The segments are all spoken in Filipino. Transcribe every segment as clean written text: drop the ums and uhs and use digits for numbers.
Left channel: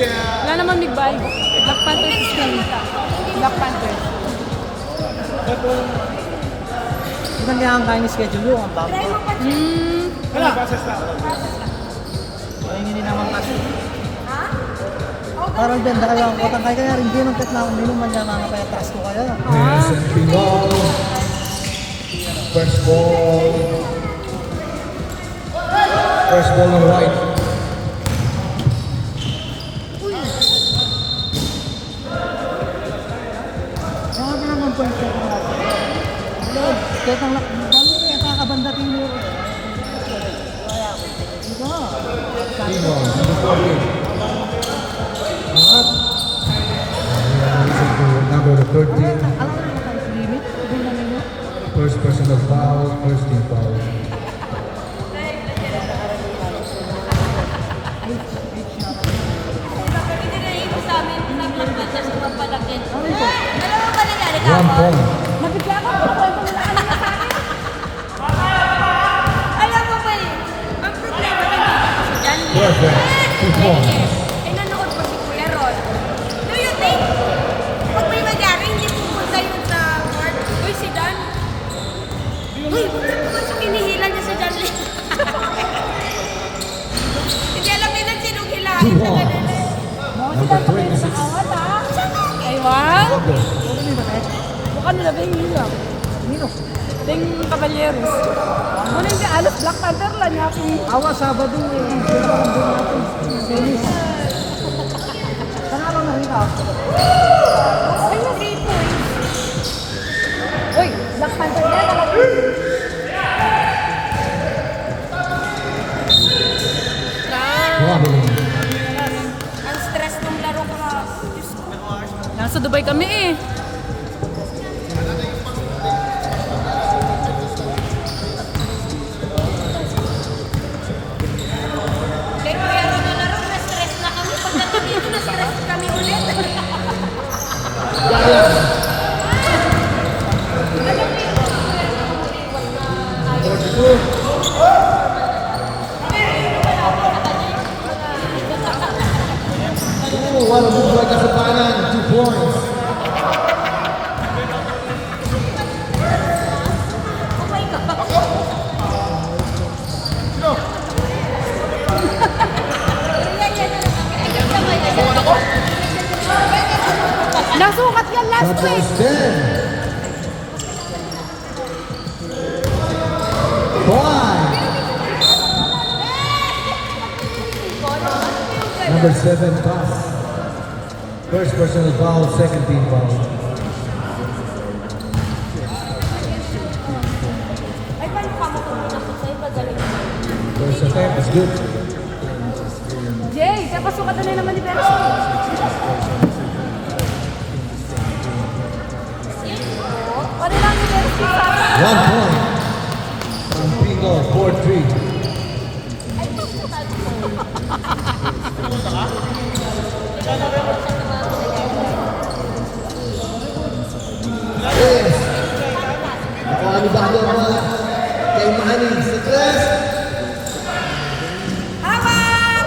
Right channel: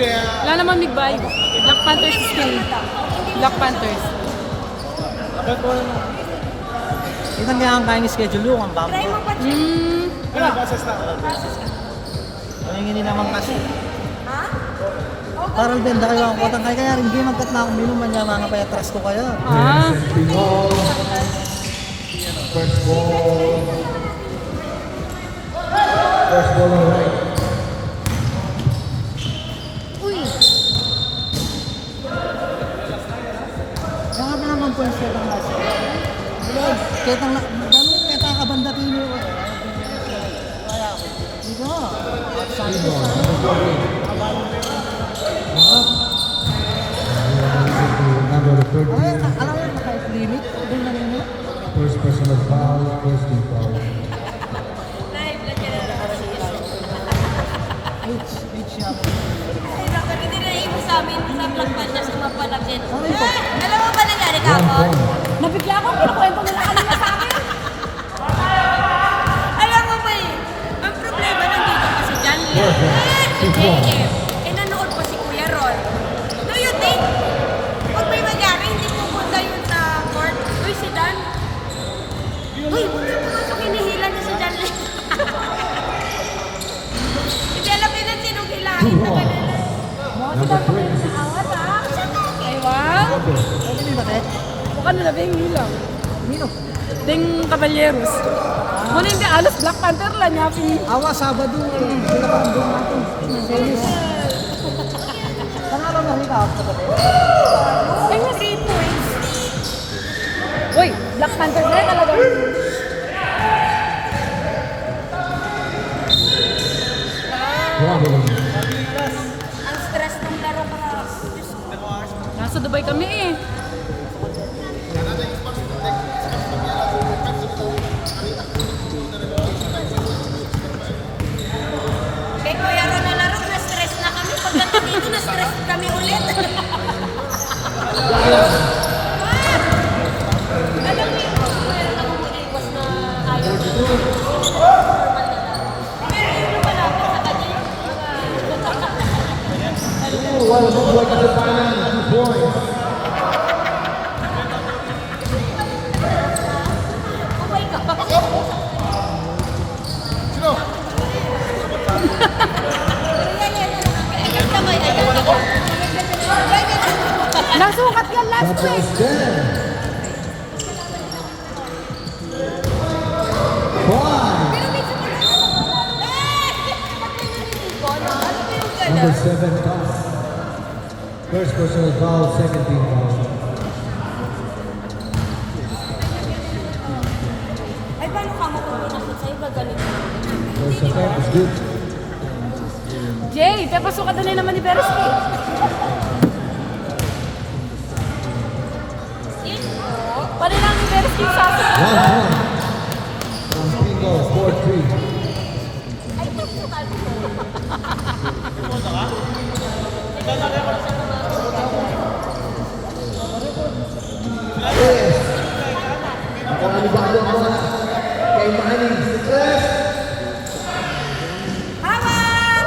Wala naman nag-vibe. Black Panthers is killing. Black Panthers. Ito niya ang kain schedule mo, ang bago. Kaya hindi naman kasi. Parang din dahil ako katang kaya kaya hindi naman kat na minum man naman na kaya trust ko kayo. First ball. First ball in right. Grabe naman po siya. Kaya kakabanda kayo. Dito na. Number 13. Limit? First personal foul, first team foul. One point. Nabigla ako, pinakwento mo na kanina sa akin. Alam mo ba eh, ang problema nandito kasi dyan. Two points. Nanonood pa si Kuya Ron. Do you think, pag may magyari, hindi pupunta yun sa court? Uy, si Dan. Uy, huwag na pumasok, hinihila niya si Dan. Hindi alam nila sinong hilahin Two naman. points. Mga sila kami sa awat ha. Ay wow. Baka na labing hilang. Ting Caballeros. Muna hindi alas Black Panther lang niya kung Awa Sabado. Series. Panalo na nila. ay 3 points. Uy, Black Panther na talaga. Traveling. Ang stress ng laro ka. Nasa Dubai kami eh. Kaya Kuya Ron na laro, na-stress na kami. Pagdating dito, na-stress kami ulit. What a move like a Japan. 2 points. Okay ka. Nasukat yan last That week. was 10. 5. Number 7 pass. First personal foul, second team foul. First attempt is good. Jay, tapos sukatan na naman ni Percy. Paano lang si Percy sa... 1 point. From Pingo, 4-3. Yes. Nakalibang mo kay Manny. Success. Hawak!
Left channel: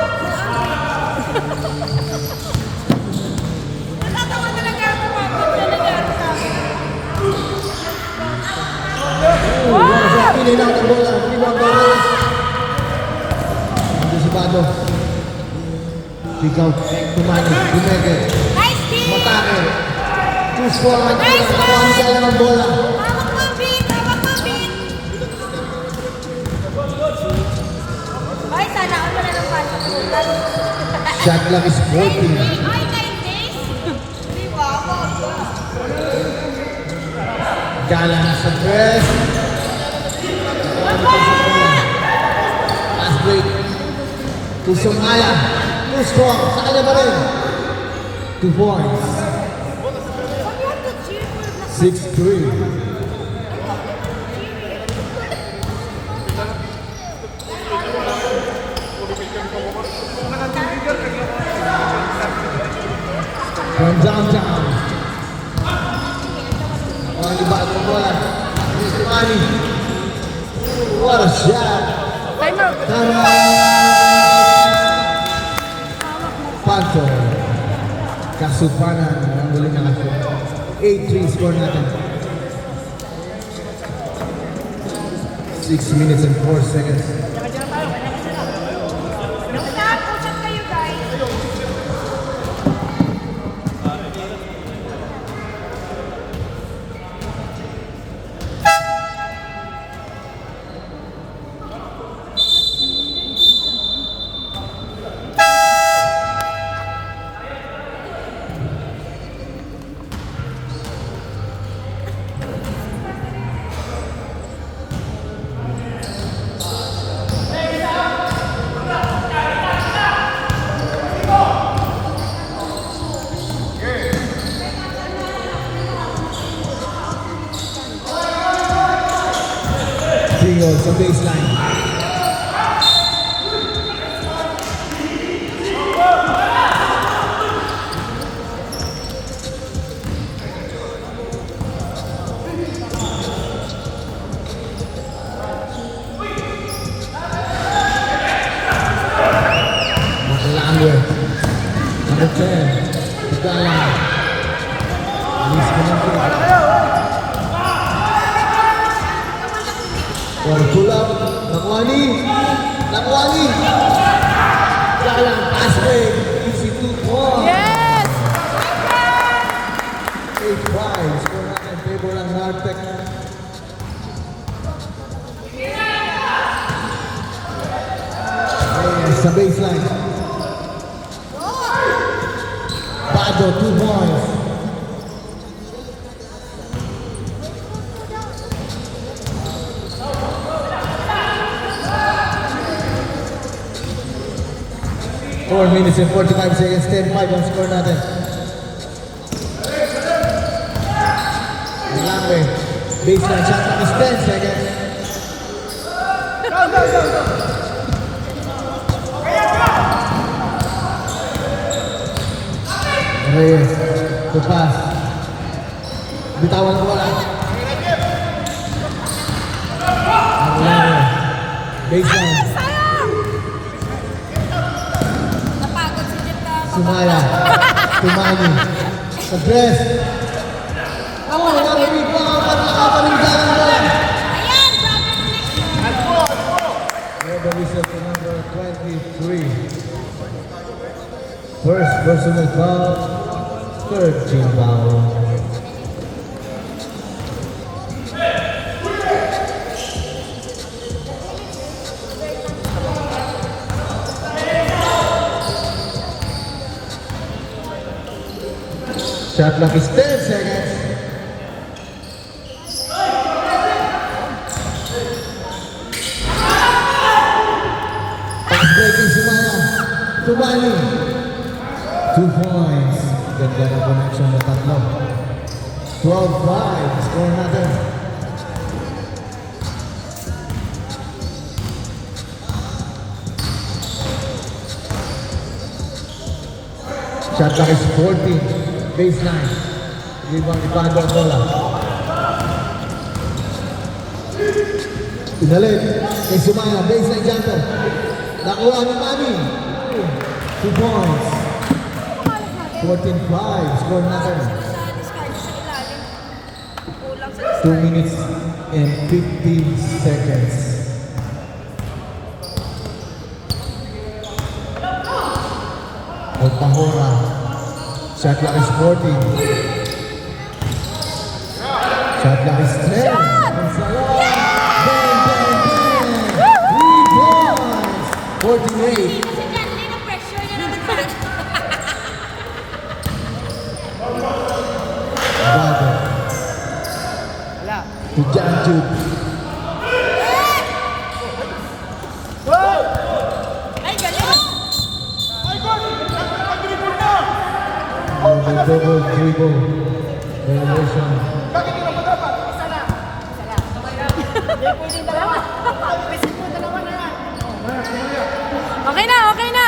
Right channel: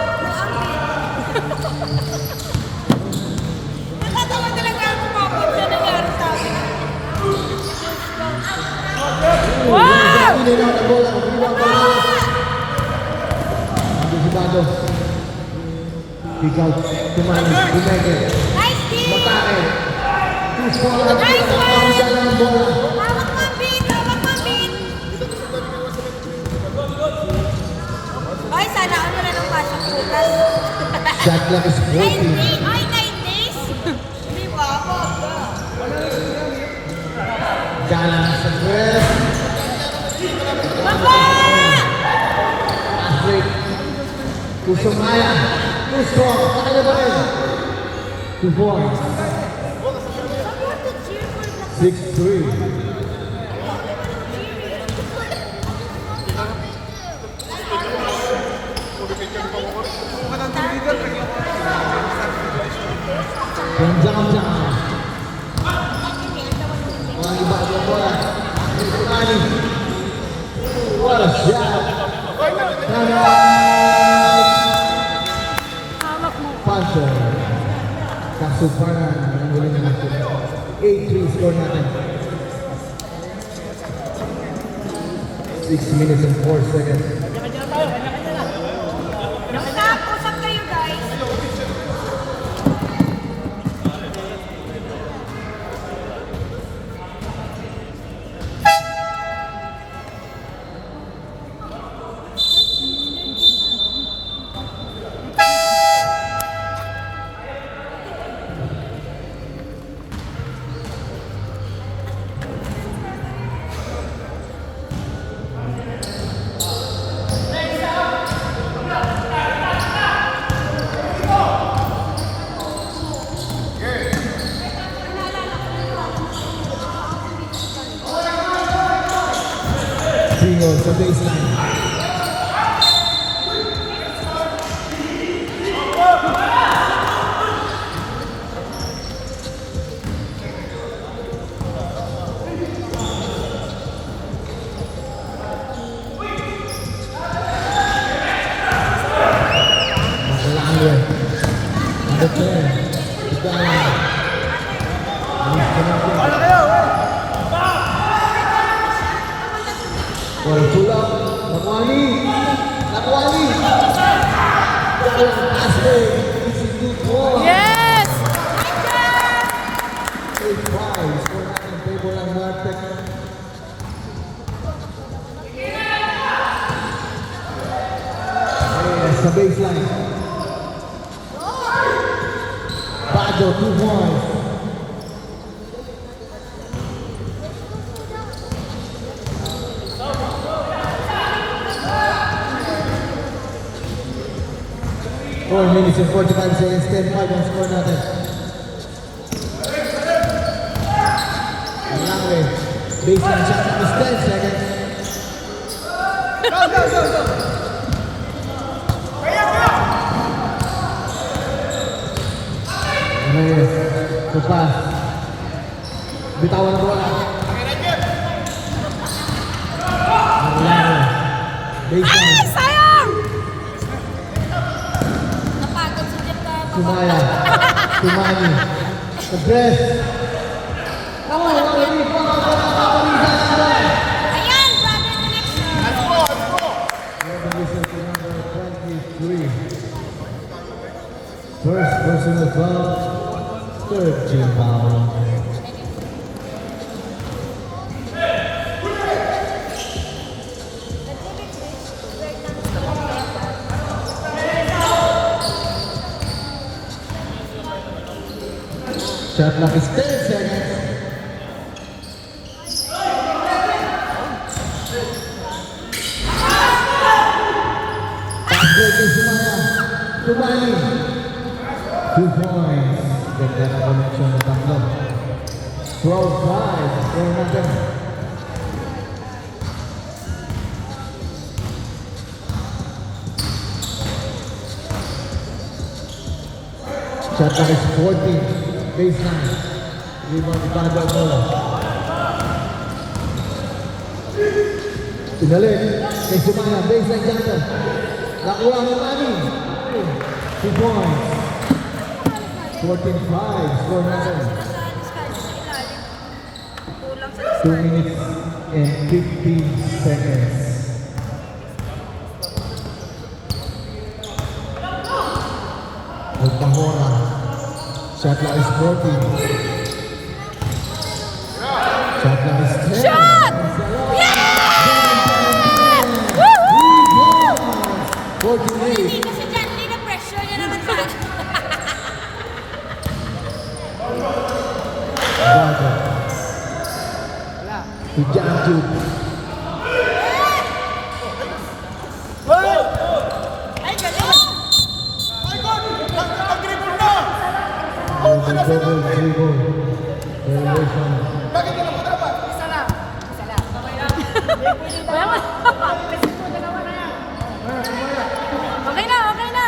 Matatawa na lang ako kumapit na nangyari sa akin. Pinay na ang bola. Pinay ang bola. Anticipado. Kick out. Tumani. Bumeke. Nice team! Matake. Choose for ang Nice ang bola. Hawak mo ang beat! Hawak mo ang beat! Guys, sana ako na ng passion. Shot clock is 14. Ay, 9 days? Hindi pa ako. Gala sa press. Last break. To Sumaya. No score. Sa kanya ba rin? 2 points. 6-3. From downtown. On the back of the bola. Mr. Manny. What a shot. Timer. Time out. Hawak mo. Pancho. Kasupanan ang guling na 8-3 score natin. 6 minutes and 4 seconds. Usap kayo, guys. Single sa baseline. Nagkalaan Under 10. Tigala. Alis ka natin. Tulak, Nakwani, Nakwani. Jalan Asre, isi 2-4. Yes! 8-5, score na in favor ng Nartec. Sa baseline. Bago, 2 points. Four minutes and 45 seconds, 10-5 ang score natin. Langwe, baseline shot is 10 seconds. Reyes, to pass. Bitawan ko wala. Langwe, baseline. Sayang! Napagod si Jeff na Sumaya, Tumani, Progress. Ako, narinig ko ang panakapalindahan mo. Ayan! Result number 23. First personal foul, third team foul. Shot clock is 10 seconds. Pass break is Tumani. 2 points. Ganda na connection ng tatlo. 12-5. Score natin. Shot clock is 14. Baseline. Rebound Bando bola. Inalit. Kay Sumaya. Baseline Janto. Nakuha ng Mami. 2 points. 14-5. Score natin. Kulang sa 2 minutes and 15 seconds. Alpahora. Shot clock is 14. Shot clock is 10. Shot! Yeah! 48. Kasi dyan, hindi na pressure yun ang mag- Bago. To Janju. Ay, galing! Double dribble. Elevation. Okay na, okay na.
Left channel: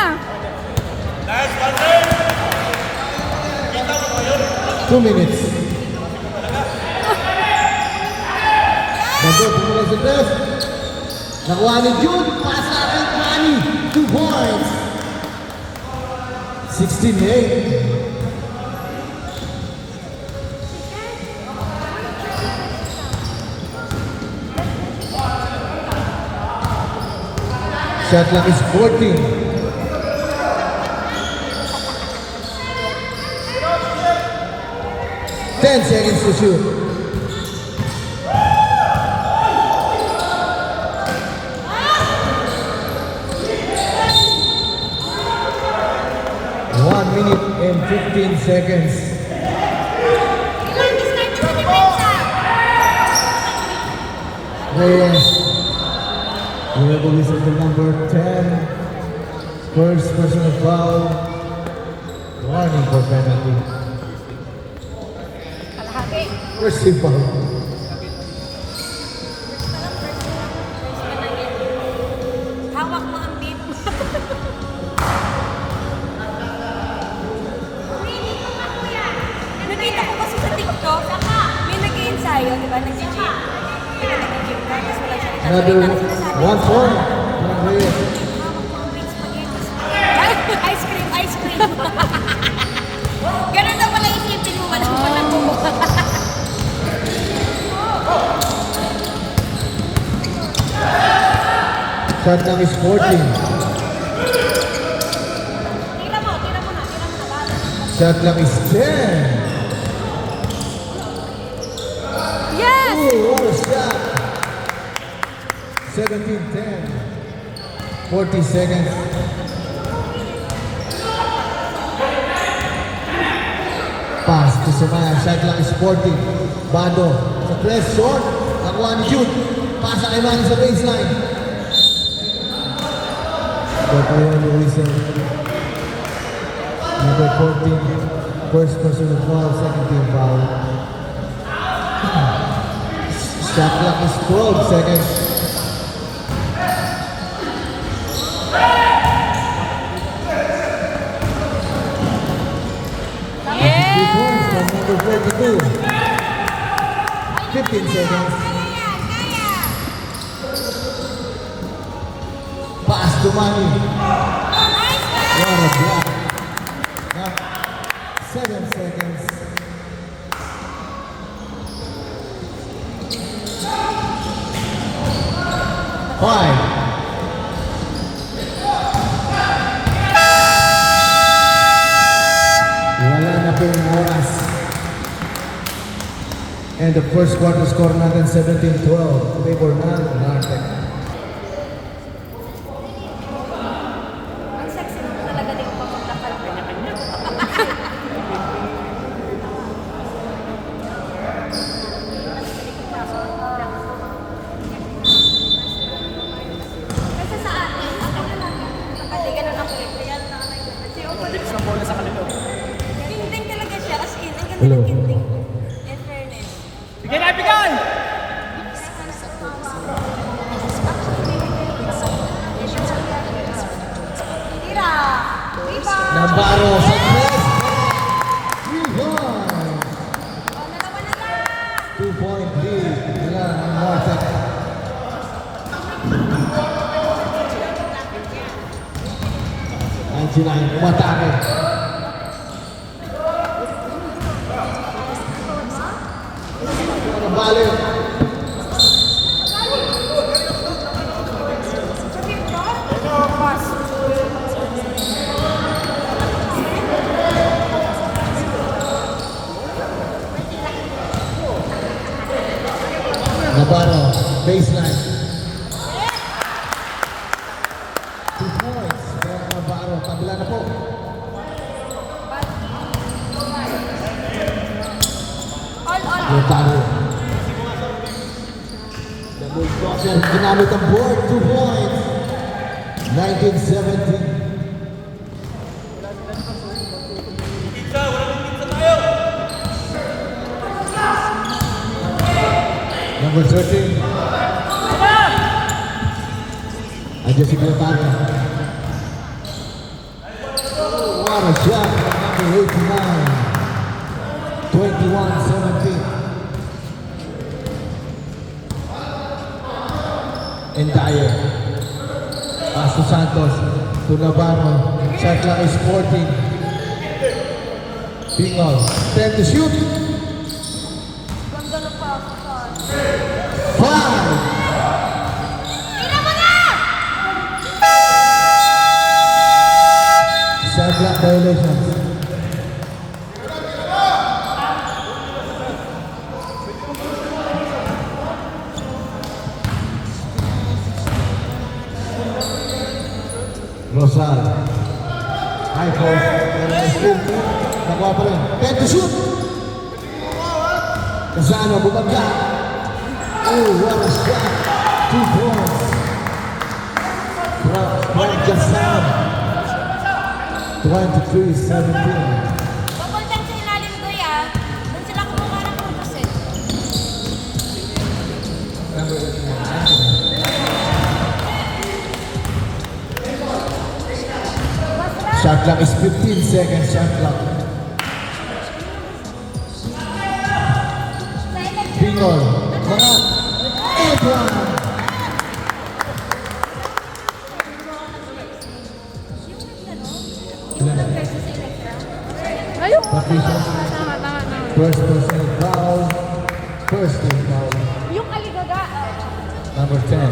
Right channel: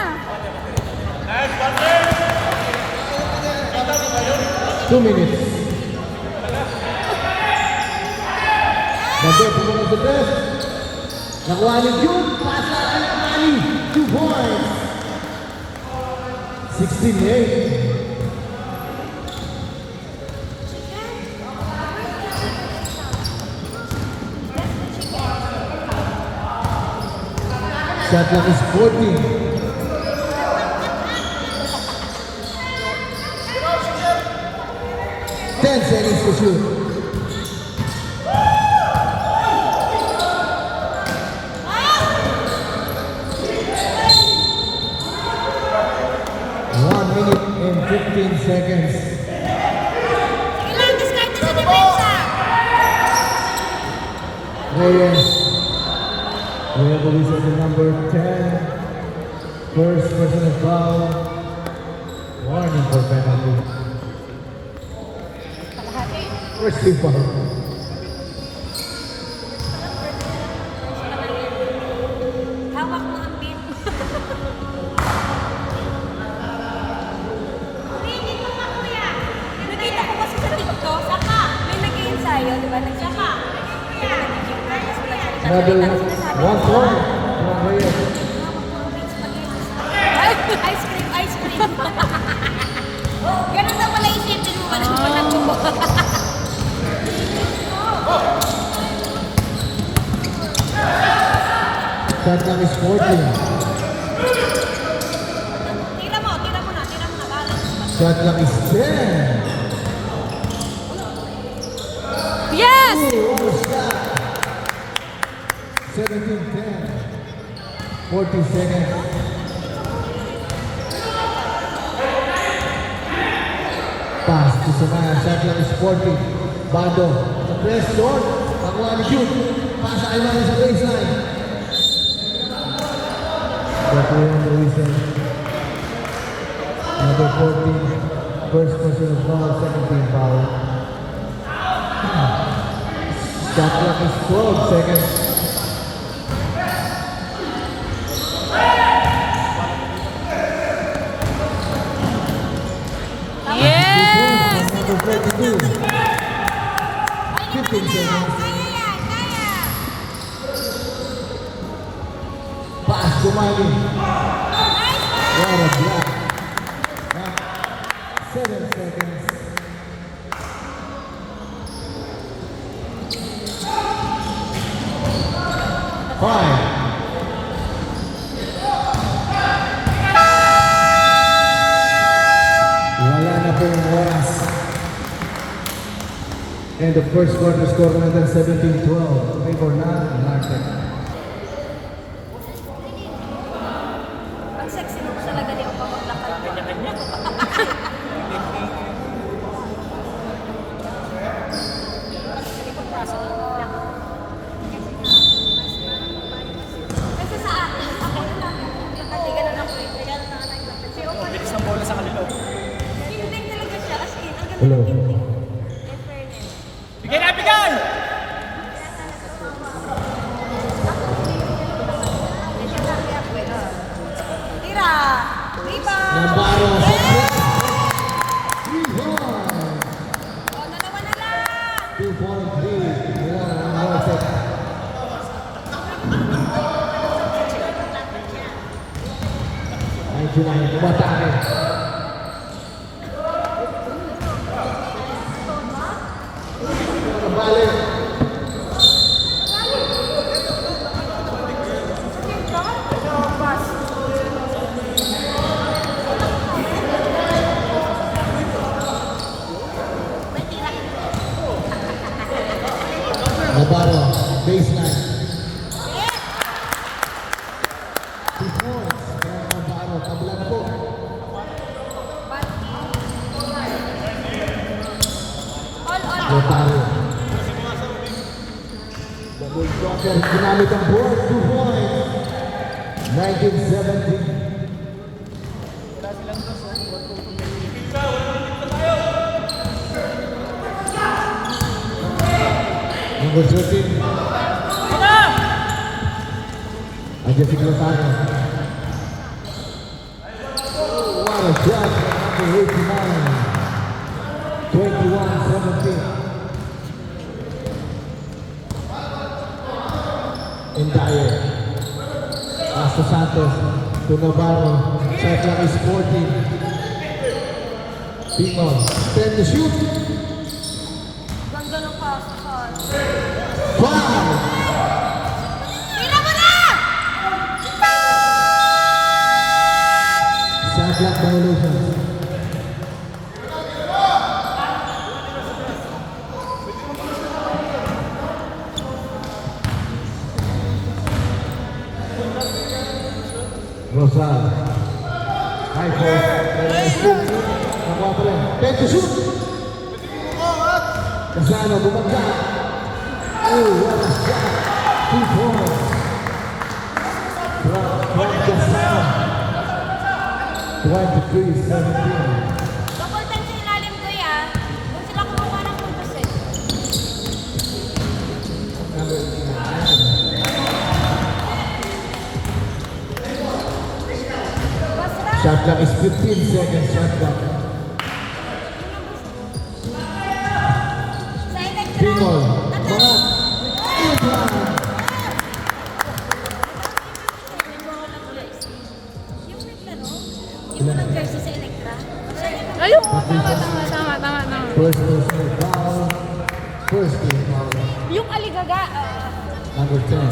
2 minutes. Bago, pumula sa press. Nakuha ni June. Pass natin, Manny. 2 points. 16-8. Shot clock is 14. Ten seconds to shoot. One minute and 15 seconds. Kailangan discard na sa depensa. Reyes. We have the whistle to number 10. First personal foul. Warning for penalty. Kalahati. First free foul. Hawak mo ang beat. Nakita ko kasi sa TikTok, may nag-ensayo, di ba? Nag-gym. Tapos wala siya. Another 1 point. From Reyes. Ice cream, ice cream. Ganun daw pala isipin mo, walang Shot clock is 14. Tira mo na. Shot clock is 10. Yes! Ooh, what a shot. 17-10. 40 seconds. Pass to Sumaya. Shot clock is 40. Bado. Sa press short. Nakuha ni Jude. Pasa kay Manny sa baseline. Bakuya ni Wilson. Number 14. First personal foul. Second team foul. Shot clock is 12 seconds. Yes! 2 points from number 42. 15 seconds. Pass to Manny. What a block. 7 seconds. Five. Wala na pong oras. And the first quarter score natin 17-12. Favor na Martec. Ang sexy mo talaga din kapag nakalma. Kasi sa atin, ako na lang. Nakaliga na lang. Kaya na lang. Kasi ako bilis ng bola sa kanila. Ginting talaga siya. As in, ang ganda Hello. ng ginting. In fairness. Bigay na, bigay! Tira! Rebound! Navarro sa press. 2-point lead. Wala na ang Martec. Ay, sila yung umatake. Balik. Navarro, baseline. 2 points from Navarro. Tabla na po. Navarro. Double crosser. Ginamit ang board. 2 points. 19-17. Number 13. Andiyan si Cretano. What a shot from number 89. 21-17. And Dyer. Pass to Santos. To Navarro. Shot clock is 14. Bingol. 10 to shoot. Ganda ng pass. 5. Tira mo na! Shot clock violations. Rosal. High post. Nakuha pa rin. 10 to shoot. Casano, bumagka. Oh, what a shot. 2 points. From Casano. 23-17. Papuntan sa ilalim ko yan. Doon sila kumuha ng puntos eh. Shot clock is 15 seconds. Shot clock. Bingol. Mga Abraham. Yung nag-versus sa Electra. Ayun. Tama. First personal foul. First team foul. Yung aligaga. Number 10.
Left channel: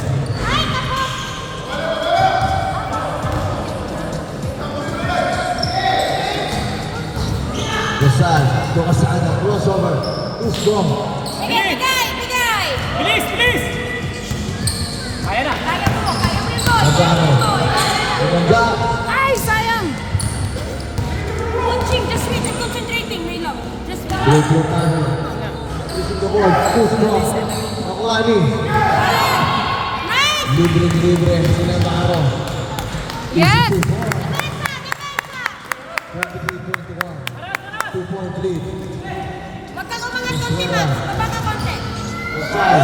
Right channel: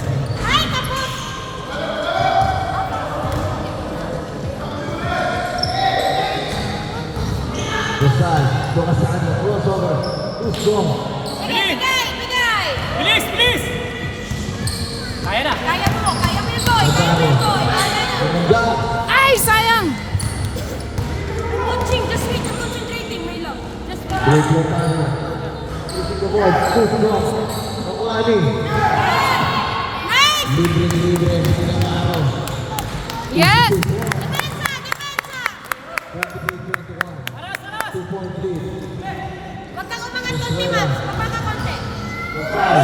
Rizal. Casano. Crossover. Who's gone? Bigay! Bilis! Kaya na. Kaya mo yun, boy! Casano. Bumagka. Ay, sayang. Coaching, just wait. I'm concentrating, my love. Just go. Break your time. Using the board. Who's gone? Nakuha ni. Nice! Libre. Sila na araw. Yes. 2-point lead. Huwag kang umangat konti, Max. Baba ka konti. Rizal.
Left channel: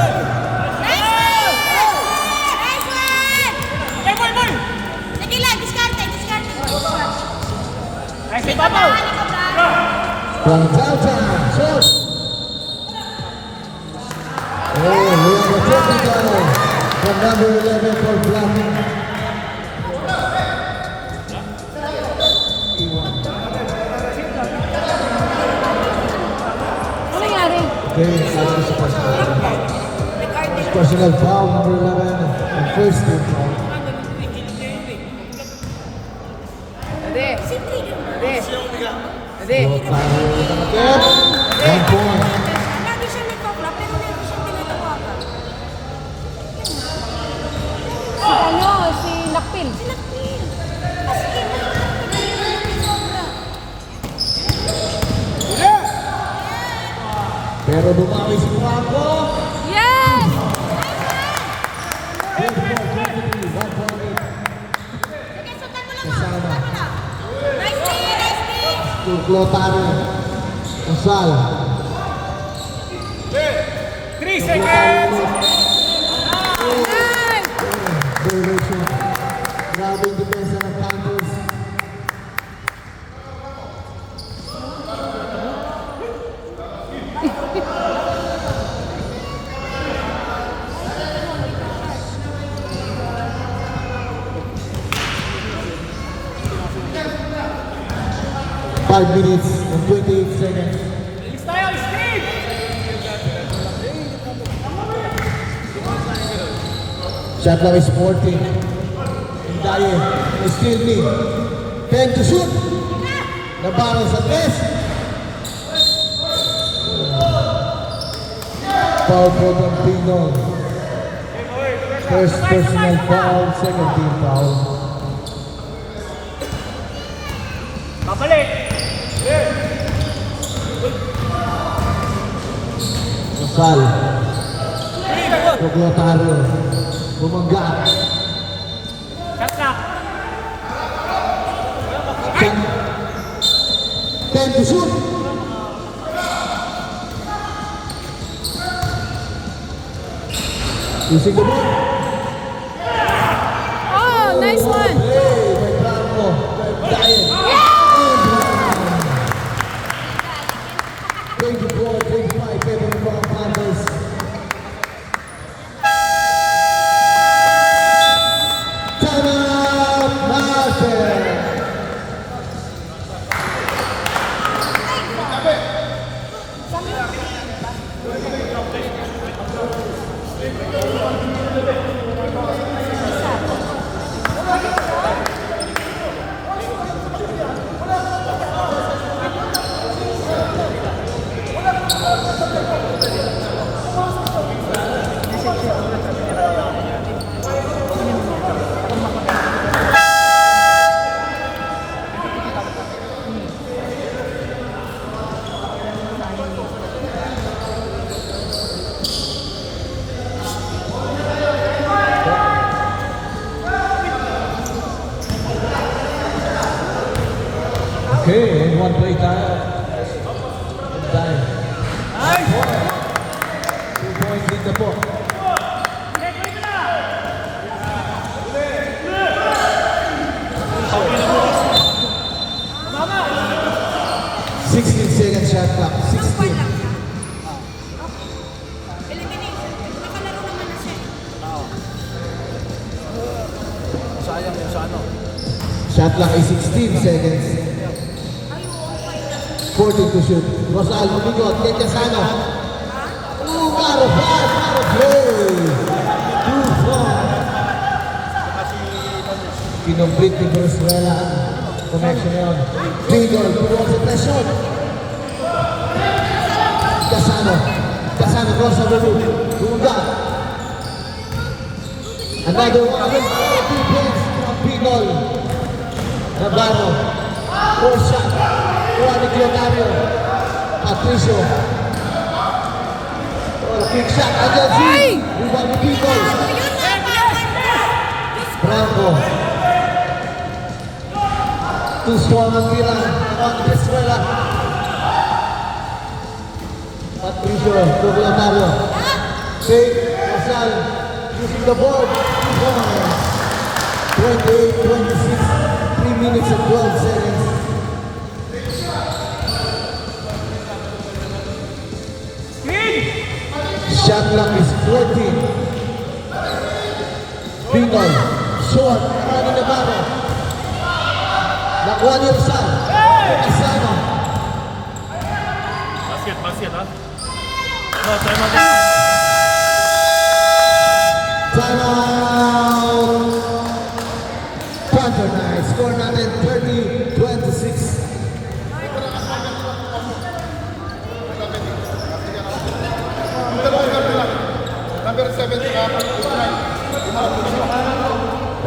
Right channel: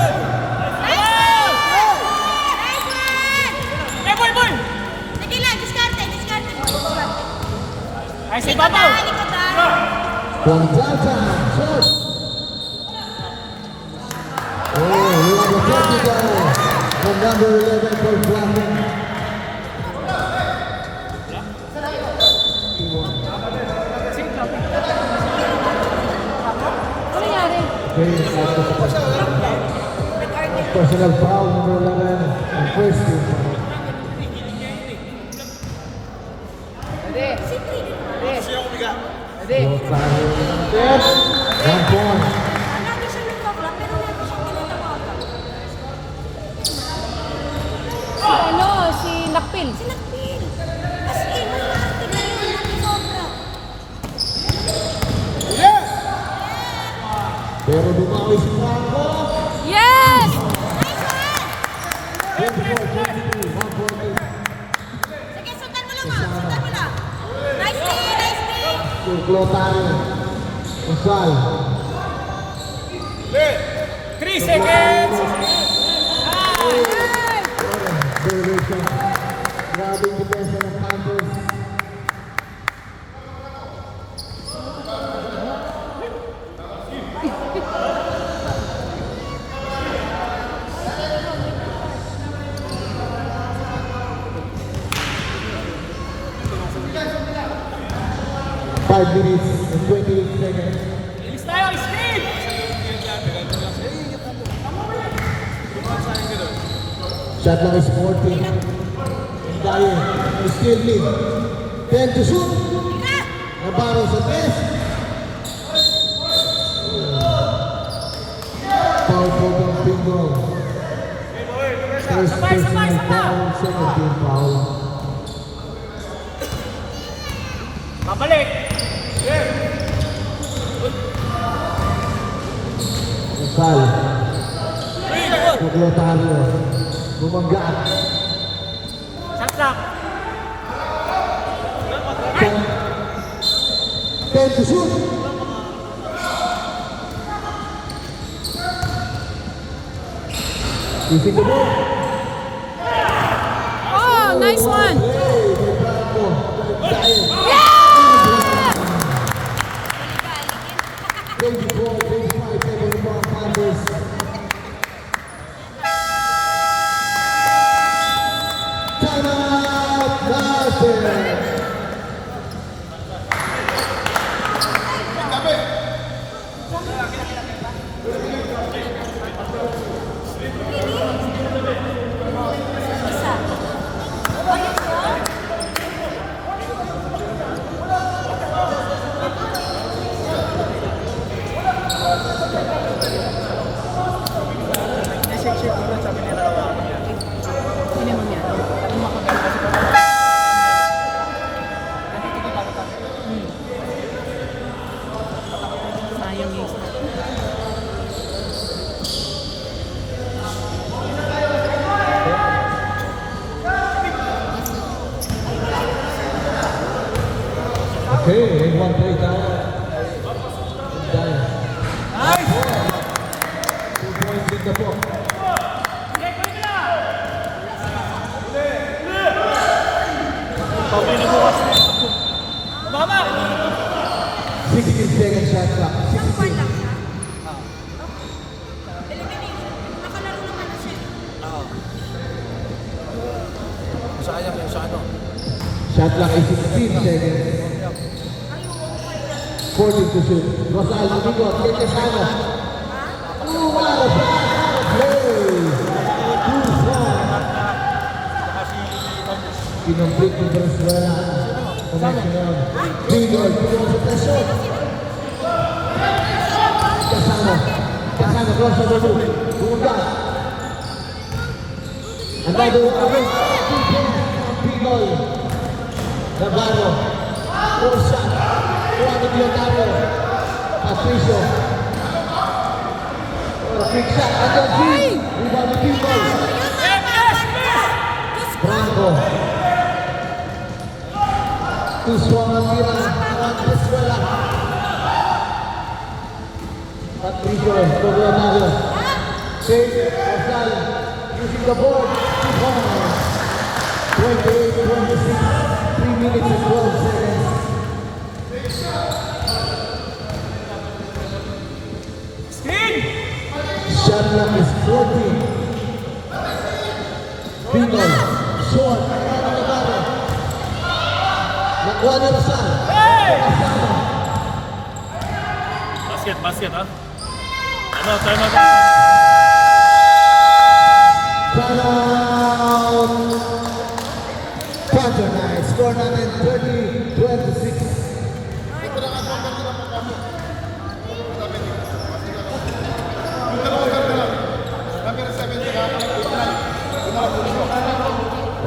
Nice one! Nice one! Boy! Sige lang, diskarte, boy. Ay, si Babaw! From downtown, shot. Oh, here's the technical from number 11 for Blackman. Ano nangyari? Okay, personal foul number 11 and first team foul. Hindi. Foul foul. 1 point. Ano siya nagpa-flop? Pero hindi siya tinatawagan. Si Lakpil. Sinakpil. As in, sobra. Pero bumaki si Marco. Yes! 24-23, 1 point lead. Sige, sundan mo lang, Max. Sundan mo lang. Nice team. To Clotario. Rizal. 3 seconds! Violation. Grabing depensa ng Panthers. Five minutes and 28 seconds. Bilis tayo, Steve! Shot lang is 14. Dahil, still lead. 10 to shoot. Nabarang sa 3. Foul for the bingo. First personal foul, second team foul. Babalik! Rizal. Clotario. Bumangga. Shot clock! 10 to shoot. Using the ball. Oh, nice one. Hey, may Bravo. Dahil. 24-25, favor ng mga Panthers. Timeout natin. Okay, and one play tayo. Dahil. 2-point lead na po. Pauwi na bukas. Mama! 16 seconds shot clock. Ilang point 16. lang siya? Elimination. Nakalaro naman na siya. Sa ano? Shot clock is 16 seconds. 14 to shoot. Rosal, Domingo, take the sano. Out of play. 2-4. Kinomplete ni Venezuela. Connection on. Bigel, towards the pressure. Casano. Casano cross the roof. Bunga. Another one. 2 points. Bigel. Navarro. Rosa. Juan Diodario. Patricio. Big shot. Again, Z. Rebound to Bigel. Branco. Too strong ang Milan on Venezuela. Patricio, Doglanario. Save, Rosal, using the board. 28-26, 3 minutes and 12 seconds. Screen! Shot clock is 14. Bigol, short, running the ball. Nakuha ni Rosal. Asano. Basket, ha? No, time out. Timeout. Panther Knights score natin 30-26.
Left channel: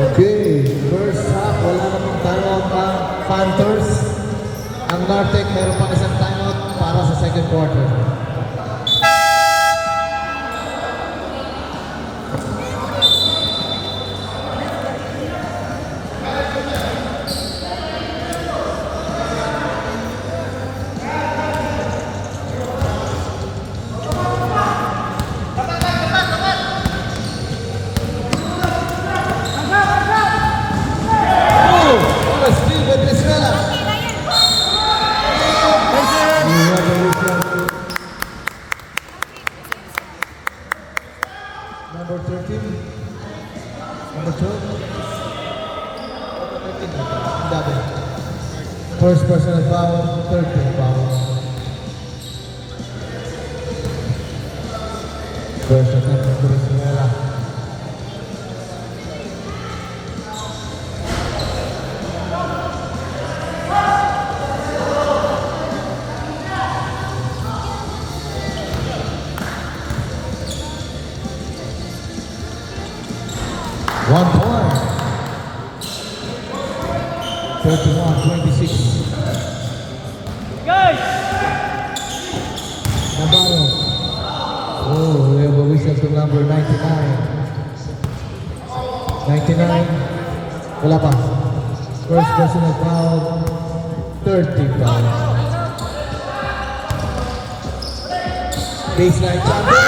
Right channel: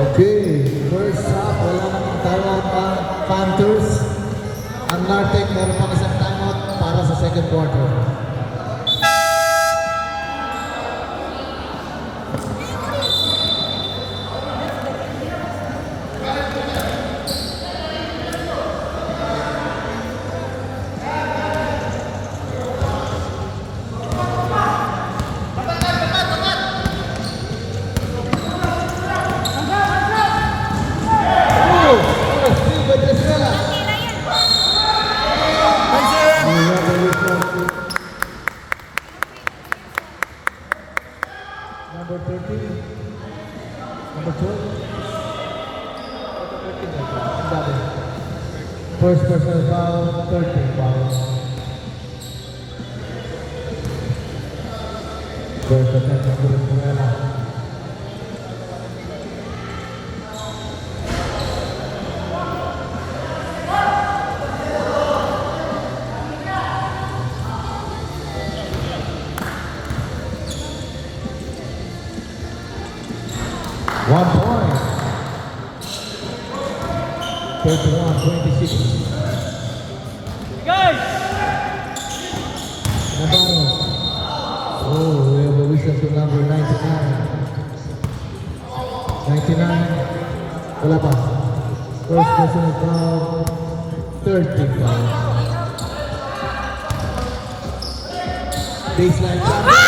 Okay, first half, wala namang timeout ang Panthers. Ang Nartec meron pang isang timeout para sa second quarter. Steal with Venezuela. Tira yan. Number 13. Number 12. First personal foul, 13 fouls. First attempt of Venezuela. One point. 31-26. Guys! Navarro. Oh, we have a whistle to number 99. 99. Wala pa. First personal foul. 30 fouls. Baseline jumper.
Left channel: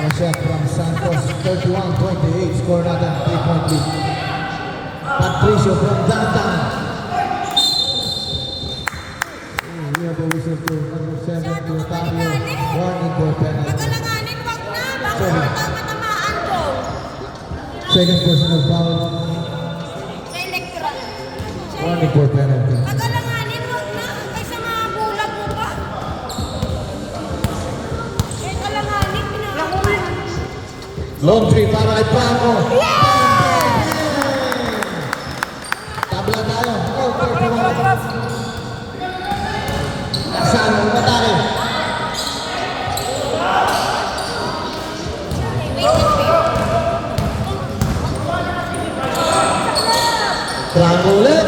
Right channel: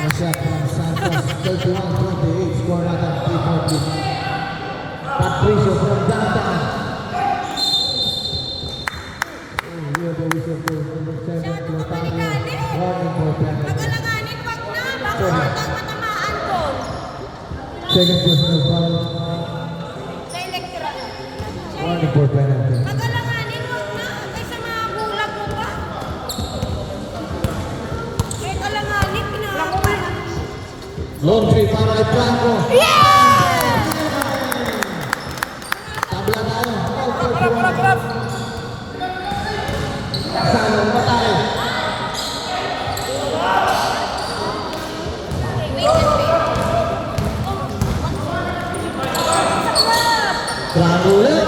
A shot from Santos, 31-28, score natin, 3-point lead. Patricio from downtown. We have the whistle to number 7, to Otavio, 1 indoor penalty. Nagalanganin, wag na. Baka matamaan ko. Second personal foul, Sa electoral. 1 indoor penalty. Nagalanganin, wag na. Hanggang sa mga bulag mo ba? May kalanganin, pinakakuha. Long three para kay Paco. Tabla tayo. Oh, 31. Saan ang matali? Triangle ulit.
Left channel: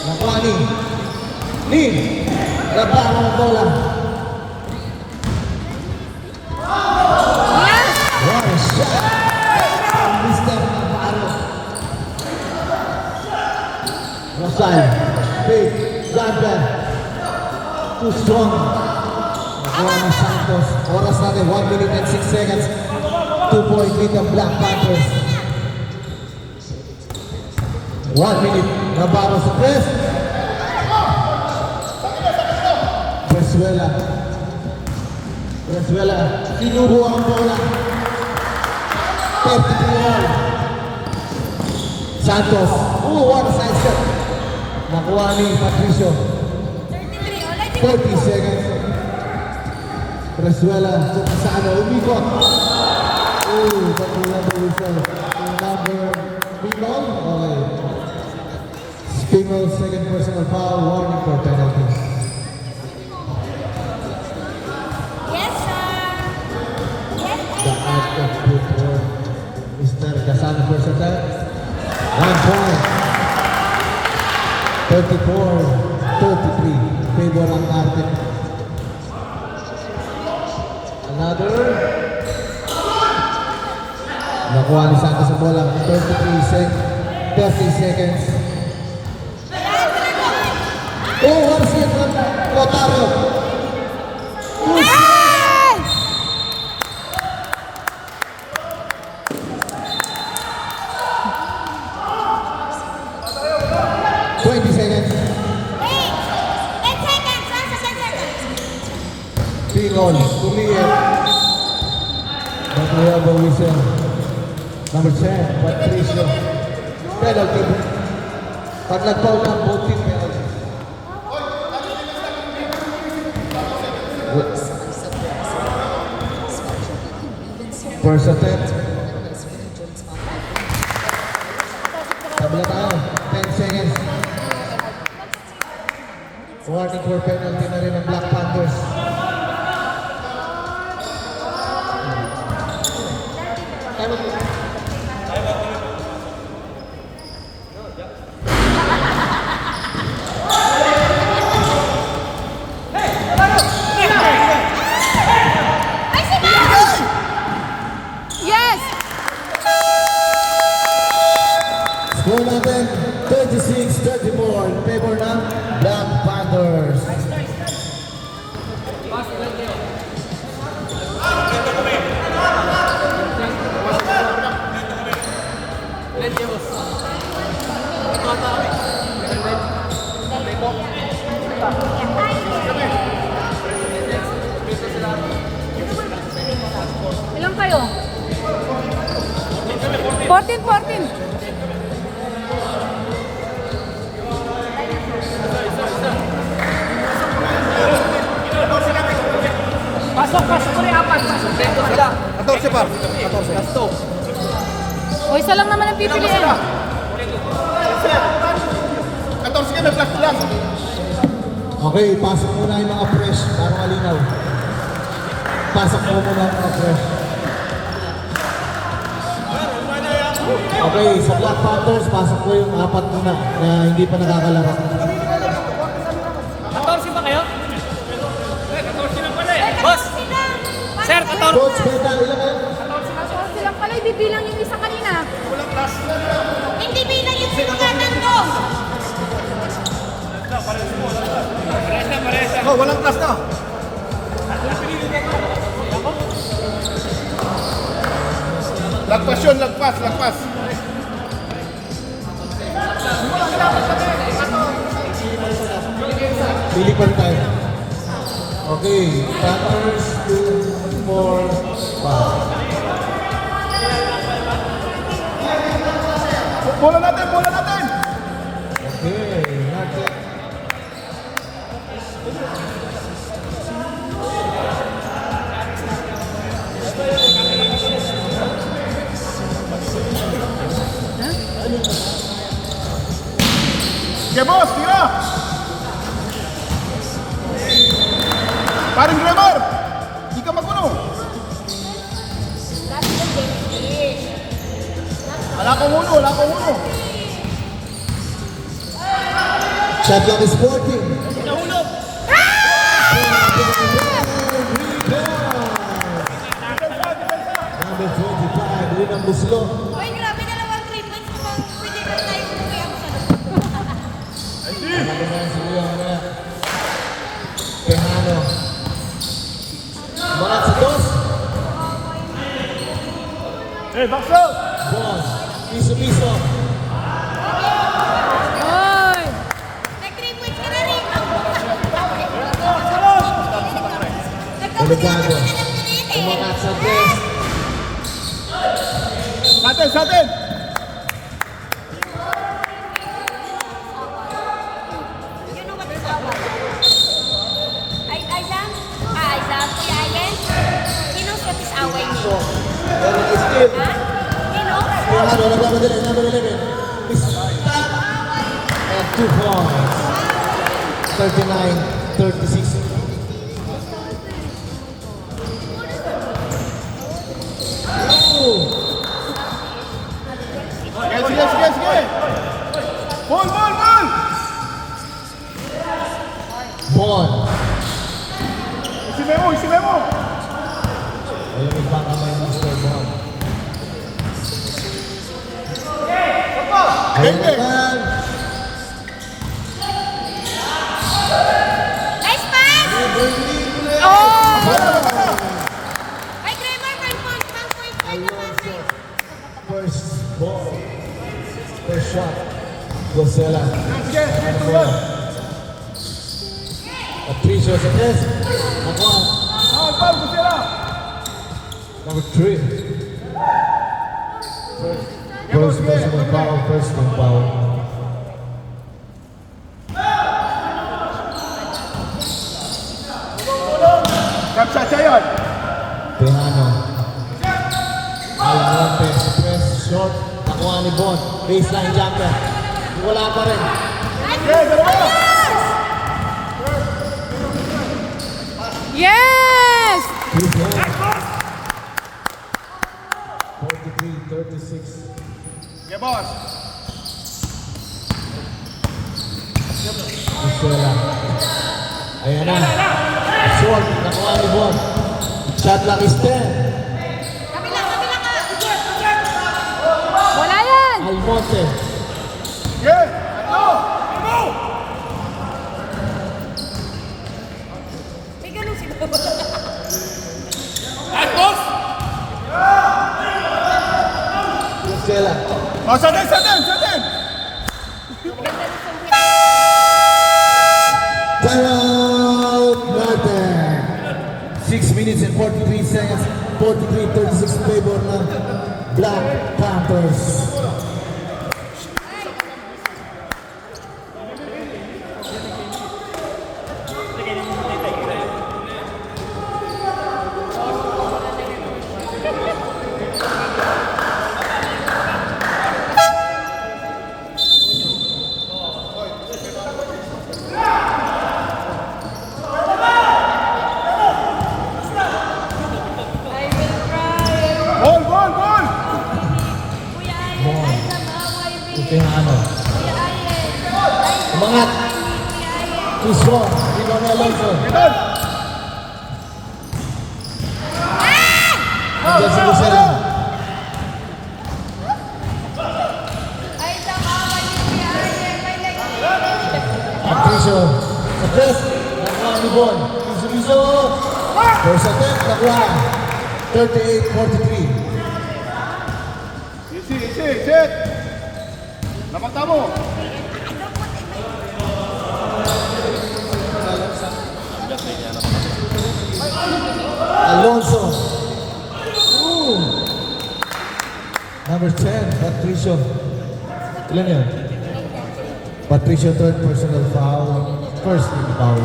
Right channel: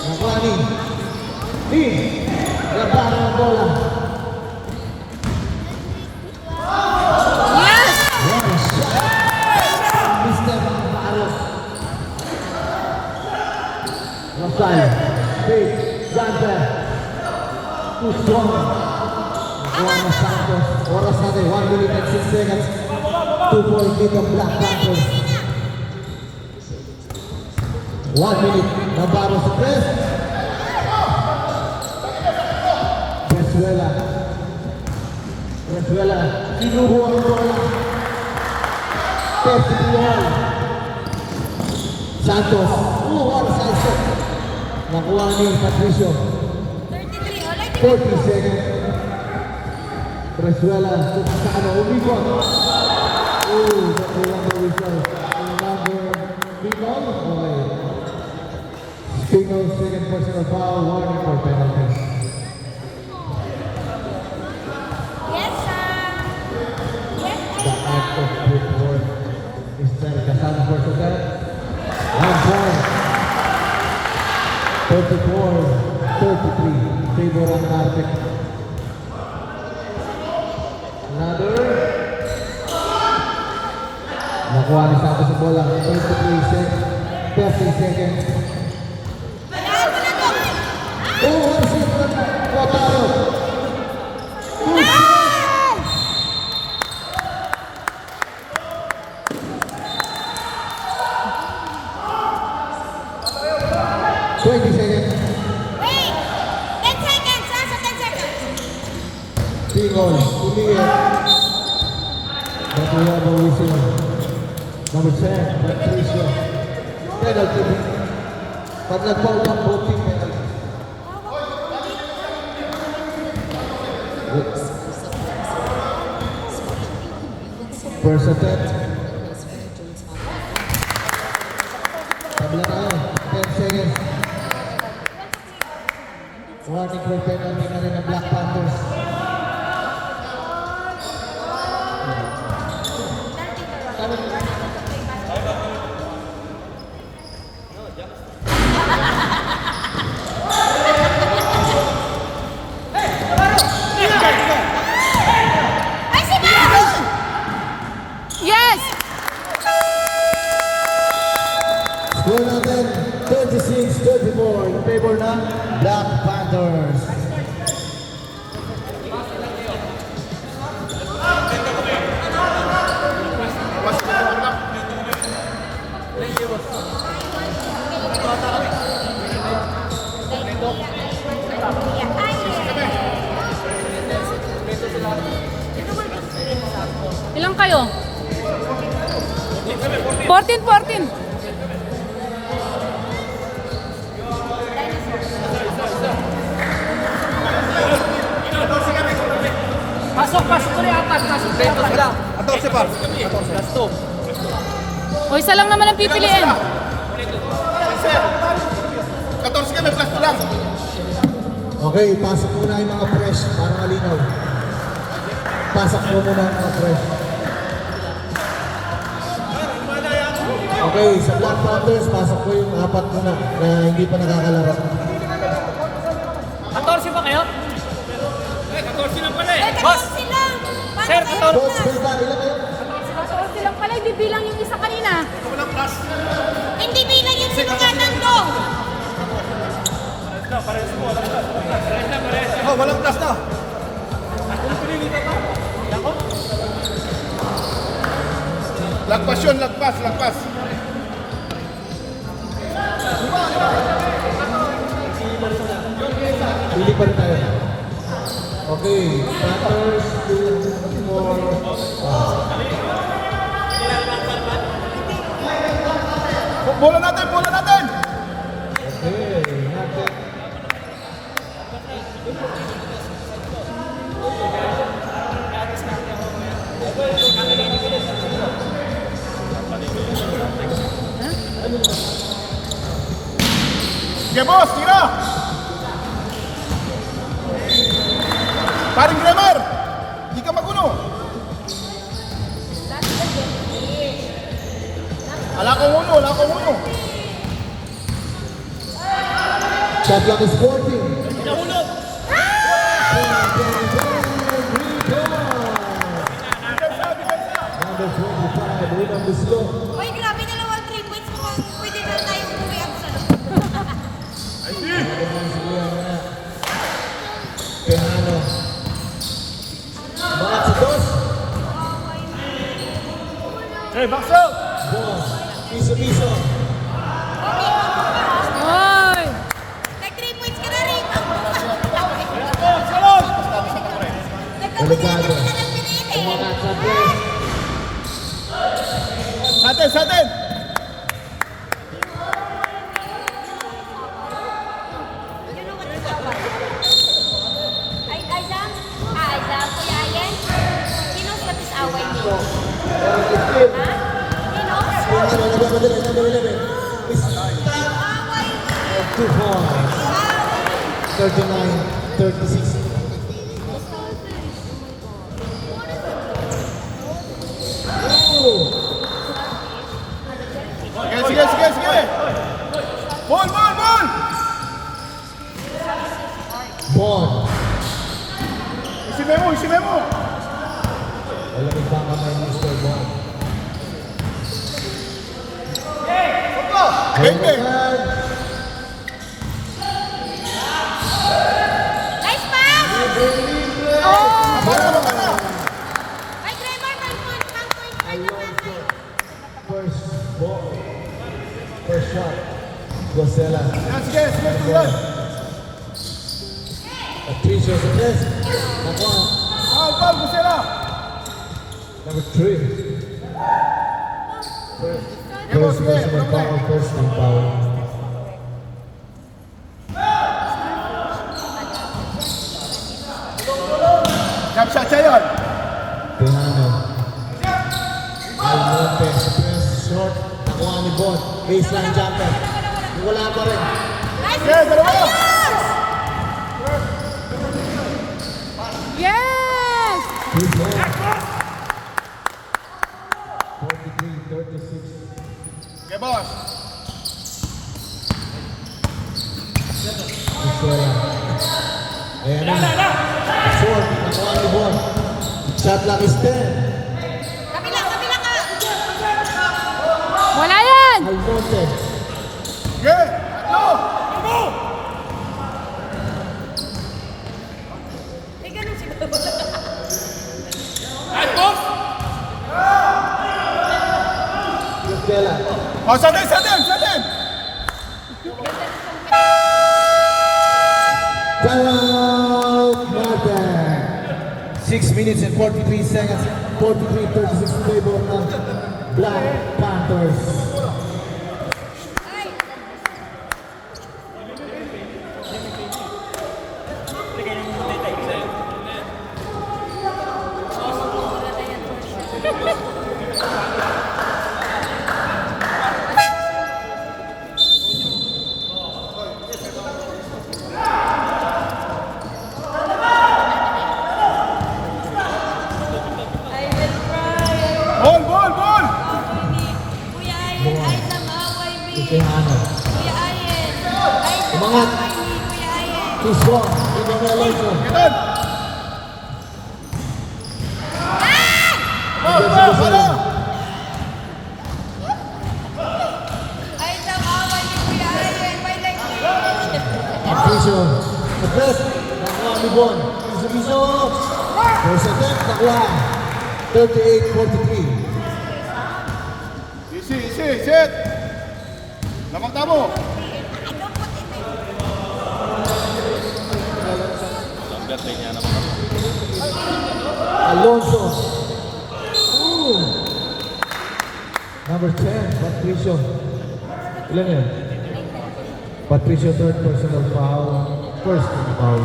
Nakuha ni Nin. Laban ang bola. One shot. Mr. Ano. Rasal, Faith, Ganda. Too strong. Juana Santos. Oras natin, 1 minute and 6 seconds. 2-point lead ng Black Panthers. 1 minute. Navarro sa press. Venezuela. Venezuela. Sinubo ang bola. 33 Santos. What a side shot. Nakuha ni Patricio. 30 seconds. Venezuela. Sa ano, umikot. Nakuha ni Whistle. Number 3 ball. Okay. Single second personal foul. Warning for penalty. The art of football. Mr. Casano Versatile. 1 point. 34-33. Favor ang arte. Another. Nakuha ni Santos ang bola. 30 seconds. Oh, what is it? Kotaro. Push. 20 seconds. Hey! 10 seconds! Nasa 10 seconds! Pingol, Tumia. Nakuha ang whistle. Number 10, Patricio. Penalty. Pag nag-call ng voting penalty. First attempt. Tabla tayo. 10 seconds. Warning for penalty na rin ng Black Panthers. Yes! Score natin 36-34 in favor ng Black Panthers. Ilang kayo? 14. Pasok ulit apat. Pasok. Preto sila. 14 par. 14. Last 2. O isa lang naman ang pipiliin. 14 kami, plus 2 lang. Okay, pasok muna yung mga fresh para malinaw. Pasok mo muna yung mga fresh. Okay, sa Black Panthers, pasok ko yung 4 muna na hindi pa nakakalaro. 14 ba kayo? 14 na pala eh. Boss! Sir, 14. Coach, bata, ilan kayo? Sila pala, hindi bilang yung isa kanina. Walang plus. Hindi bilang yung sinagandong! Oh, walang plus na. Lagpas yun, lagpas. Pili pa rin tayo. Okay, Panthers, 2, 4, 5. Bola natin! Okay, natin. Sige boss, tira! Paring Glamour! Di ka magulo! Wala kong ulo! Shot lang is 14. Nahulog! Number 45, unang buslo. Uy, grabe, dalawang treatments. Pwede na tayo mag-MC. Bon, piso-piso. Oy! Nag-3 points ka na rin. Delikado. Tumakat sa dress. Sa atin! You know what is away? Aizam? Aizam, Kuya Ayen? He knows what is away means. Eric is still. He knows? Number 11. And 2 points. 39-36. Sige! Ball! Bon. Sige mo! Malamig bang kamay ang Mr. Bon? Hayden. Nice pass! Ay, Trevor, 1 point. First ball. First shot. Gosela. Patricio sa tres. Nakuha. Number 3. First personal foul. First team foul. Piano. Almonte sa press. Short. Nakuha ni Bon. Baseline jumper. Wala pa rin. Yes! 43-36. Suela. Ayan na. Short. Nakuha ni Bon. Shot clock is 10. Kabila ka! Wala yan! Almonte. May ganun sila. Suela. Sa atin! Timeout, Martin. 6 minutes and 43 seconds. 43-36 favor ng Black Panthers. Ball! Piano. Umangat. Too strong. Ikaw na Alonso. Nandiyan si Lucero. Patricio. Sa press. Nakuha ni Bon. Piso. First attempt. Nakuha. 38-43. Easy, set! Nakanta mo! I don't put it in my... Alonso. Ooh. Number 10, Patricio. Ilan yun? Patricio, third personal foul. First team foul.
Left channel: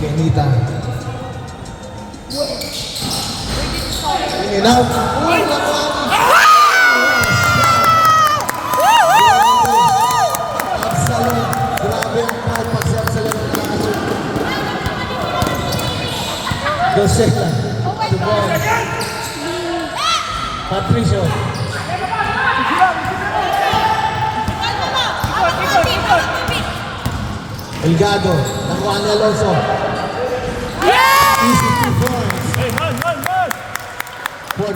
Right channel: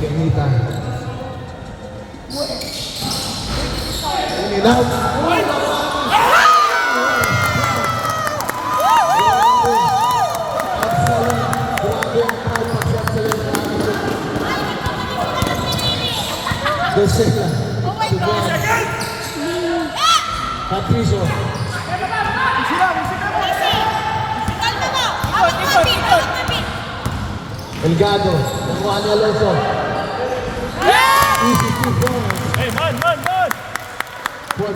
Kenita. In and out. Excellent. Grabe ang purpose. Excellent. Gosela. To Bon. Patricio. Elgado. Nakuha ni Alonso. Easy 2 points. Hey, man! 45-36.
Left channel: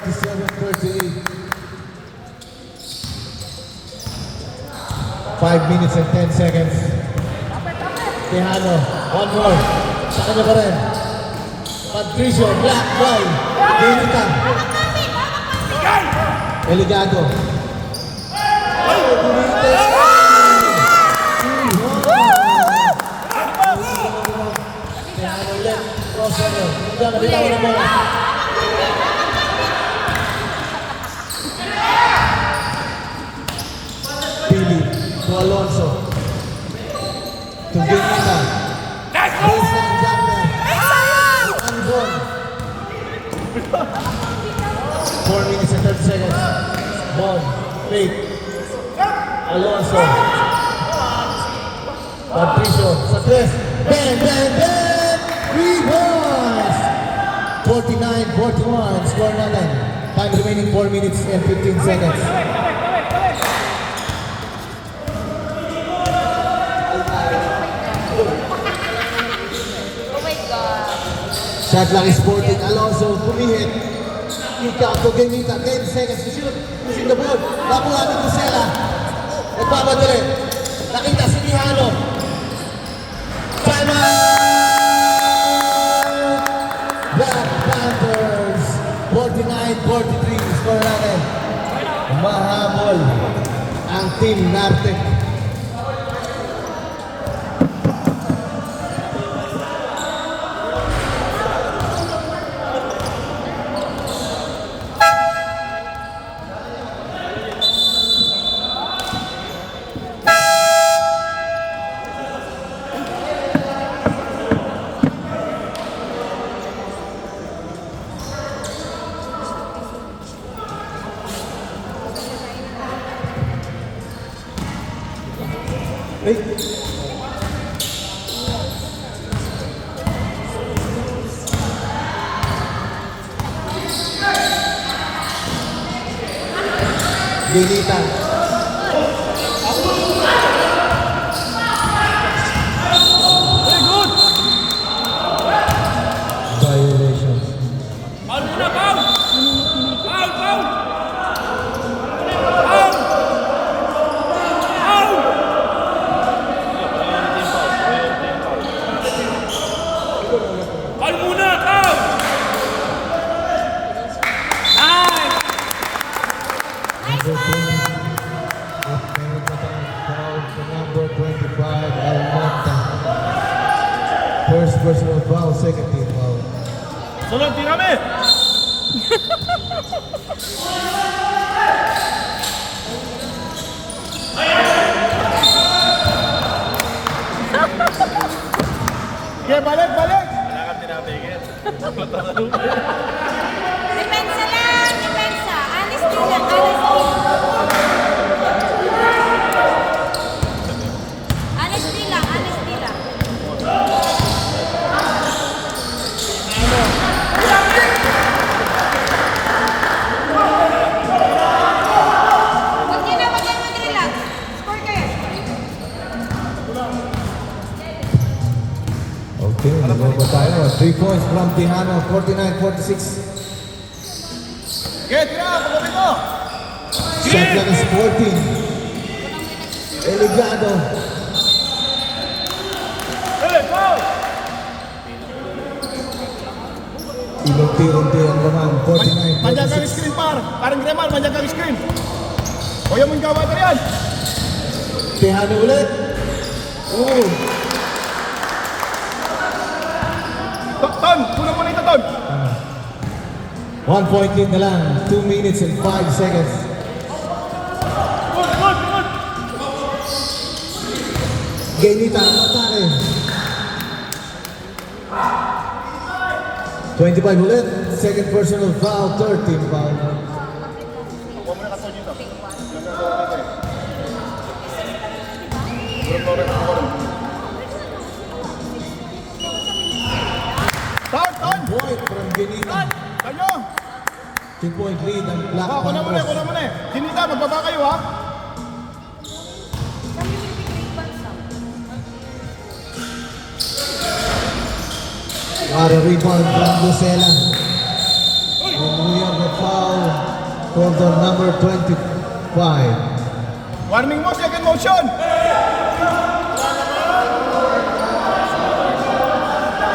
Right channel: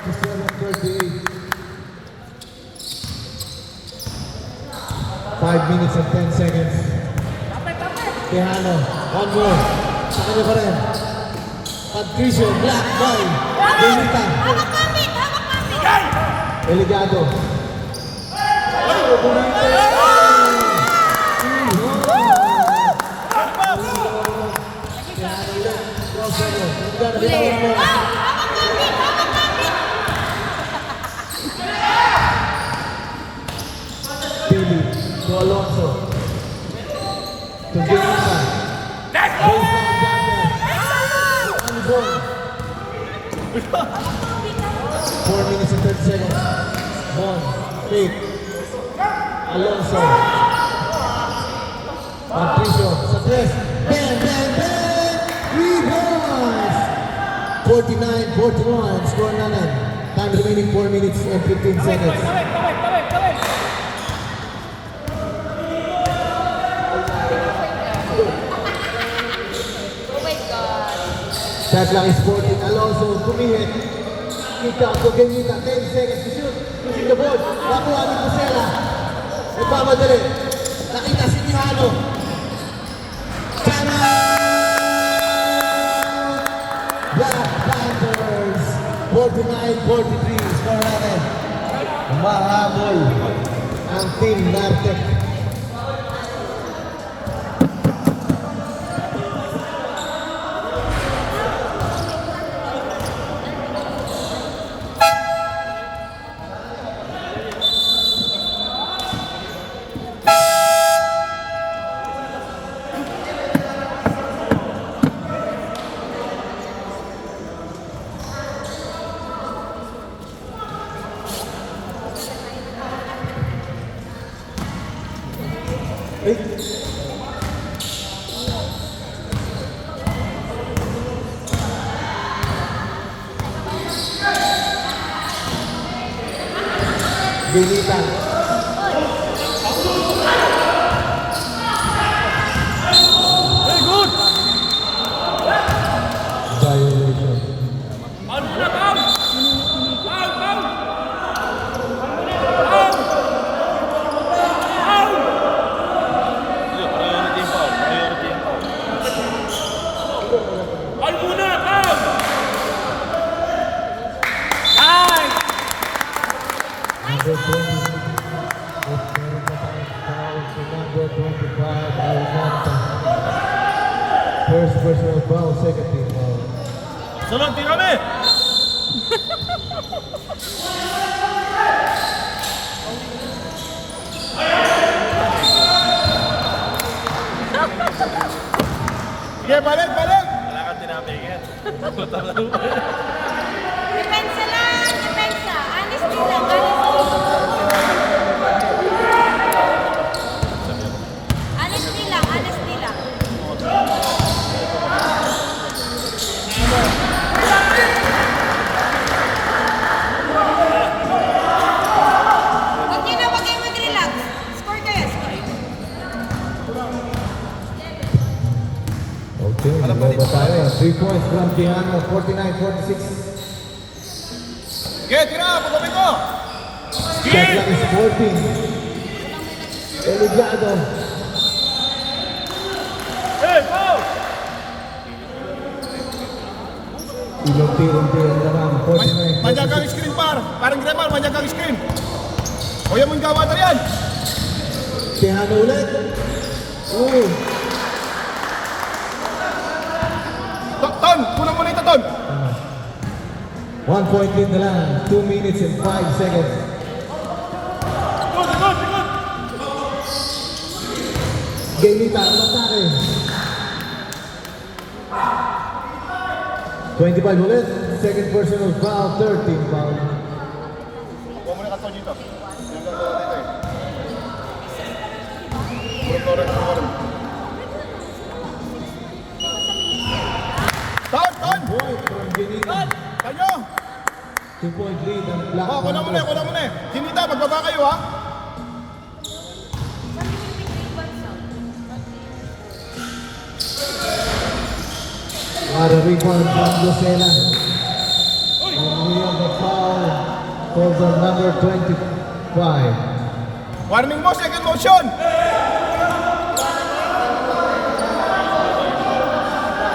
5 minutes and 10 seconds. Tejano, one more. Sa kanya pa rin. Patricio, black by Benita. Eligado. Ay, bumite. Tejano ulit. Crossover. Hindi na bitawan mo. Pili to Alonso. To Benita. Baseline jumper. Albon. 4 minutes and 30 seconds. Bon. Fake. Alonso. Patricio. Sa tres. Bang, bang, bang! 3 points! 49-41. Score natin. Time remaining 4 minutes and 15 seconds. Shot clock is 14. Alonso pumihit. Kick out to Benita. 10 seconds to shoot. Using the ball. Nakuha ni Kusela. Nagpamadali. Nakita si Tejano. Time out! Black Panthers. 49-43. Score natin. Umahabol ang team Nartec. Benita. Violations. Foul muna, foul! Foul, foul! Foul! Foul! Foul muna, foul! Time! Number 20. Number 25, Almanta. First personal foul, second team foul. Sunod, tingnan mo! Yeah, balik, balik! Kailangan tinapigil. Depensa lang, depensa. Honesty lang, honesty. Honesty lang, honesty lang. Huwag niyo na, huwag kayo mag-relax. Score kayo, score. Okay, nagbago tayo. 3 points from Tejano, 49-46. Get, tira! Pagpapit mo! Shot clock is 14. Eligado. Hey, foul! Inunti-unti ang laman, 49-46. Manjagang screen par! Parang Gremal, manjagang screen! Kuya mo yung kawatan yan! Tejano ulit. Oh, Ton! Kulang mo na ito, Ton! 1 point lead na lang. 2 minutes and 5 seconds. Good, good, good! Benita, ang atake. 25 ulit. Second personal foul, 13 foul. Kuha mo na ka, Ton, dito. Yung nagawa kita eh. Kurang na rin. Ton! Ton! Point from Benita. Tanyo! 2 point lead ang Black Oh, kuna mo na, kuna mo na. Hinita, magbaba kayo ha. What a rebound from Lucena. And we have a foul for the number 25. Warning mo, second motion.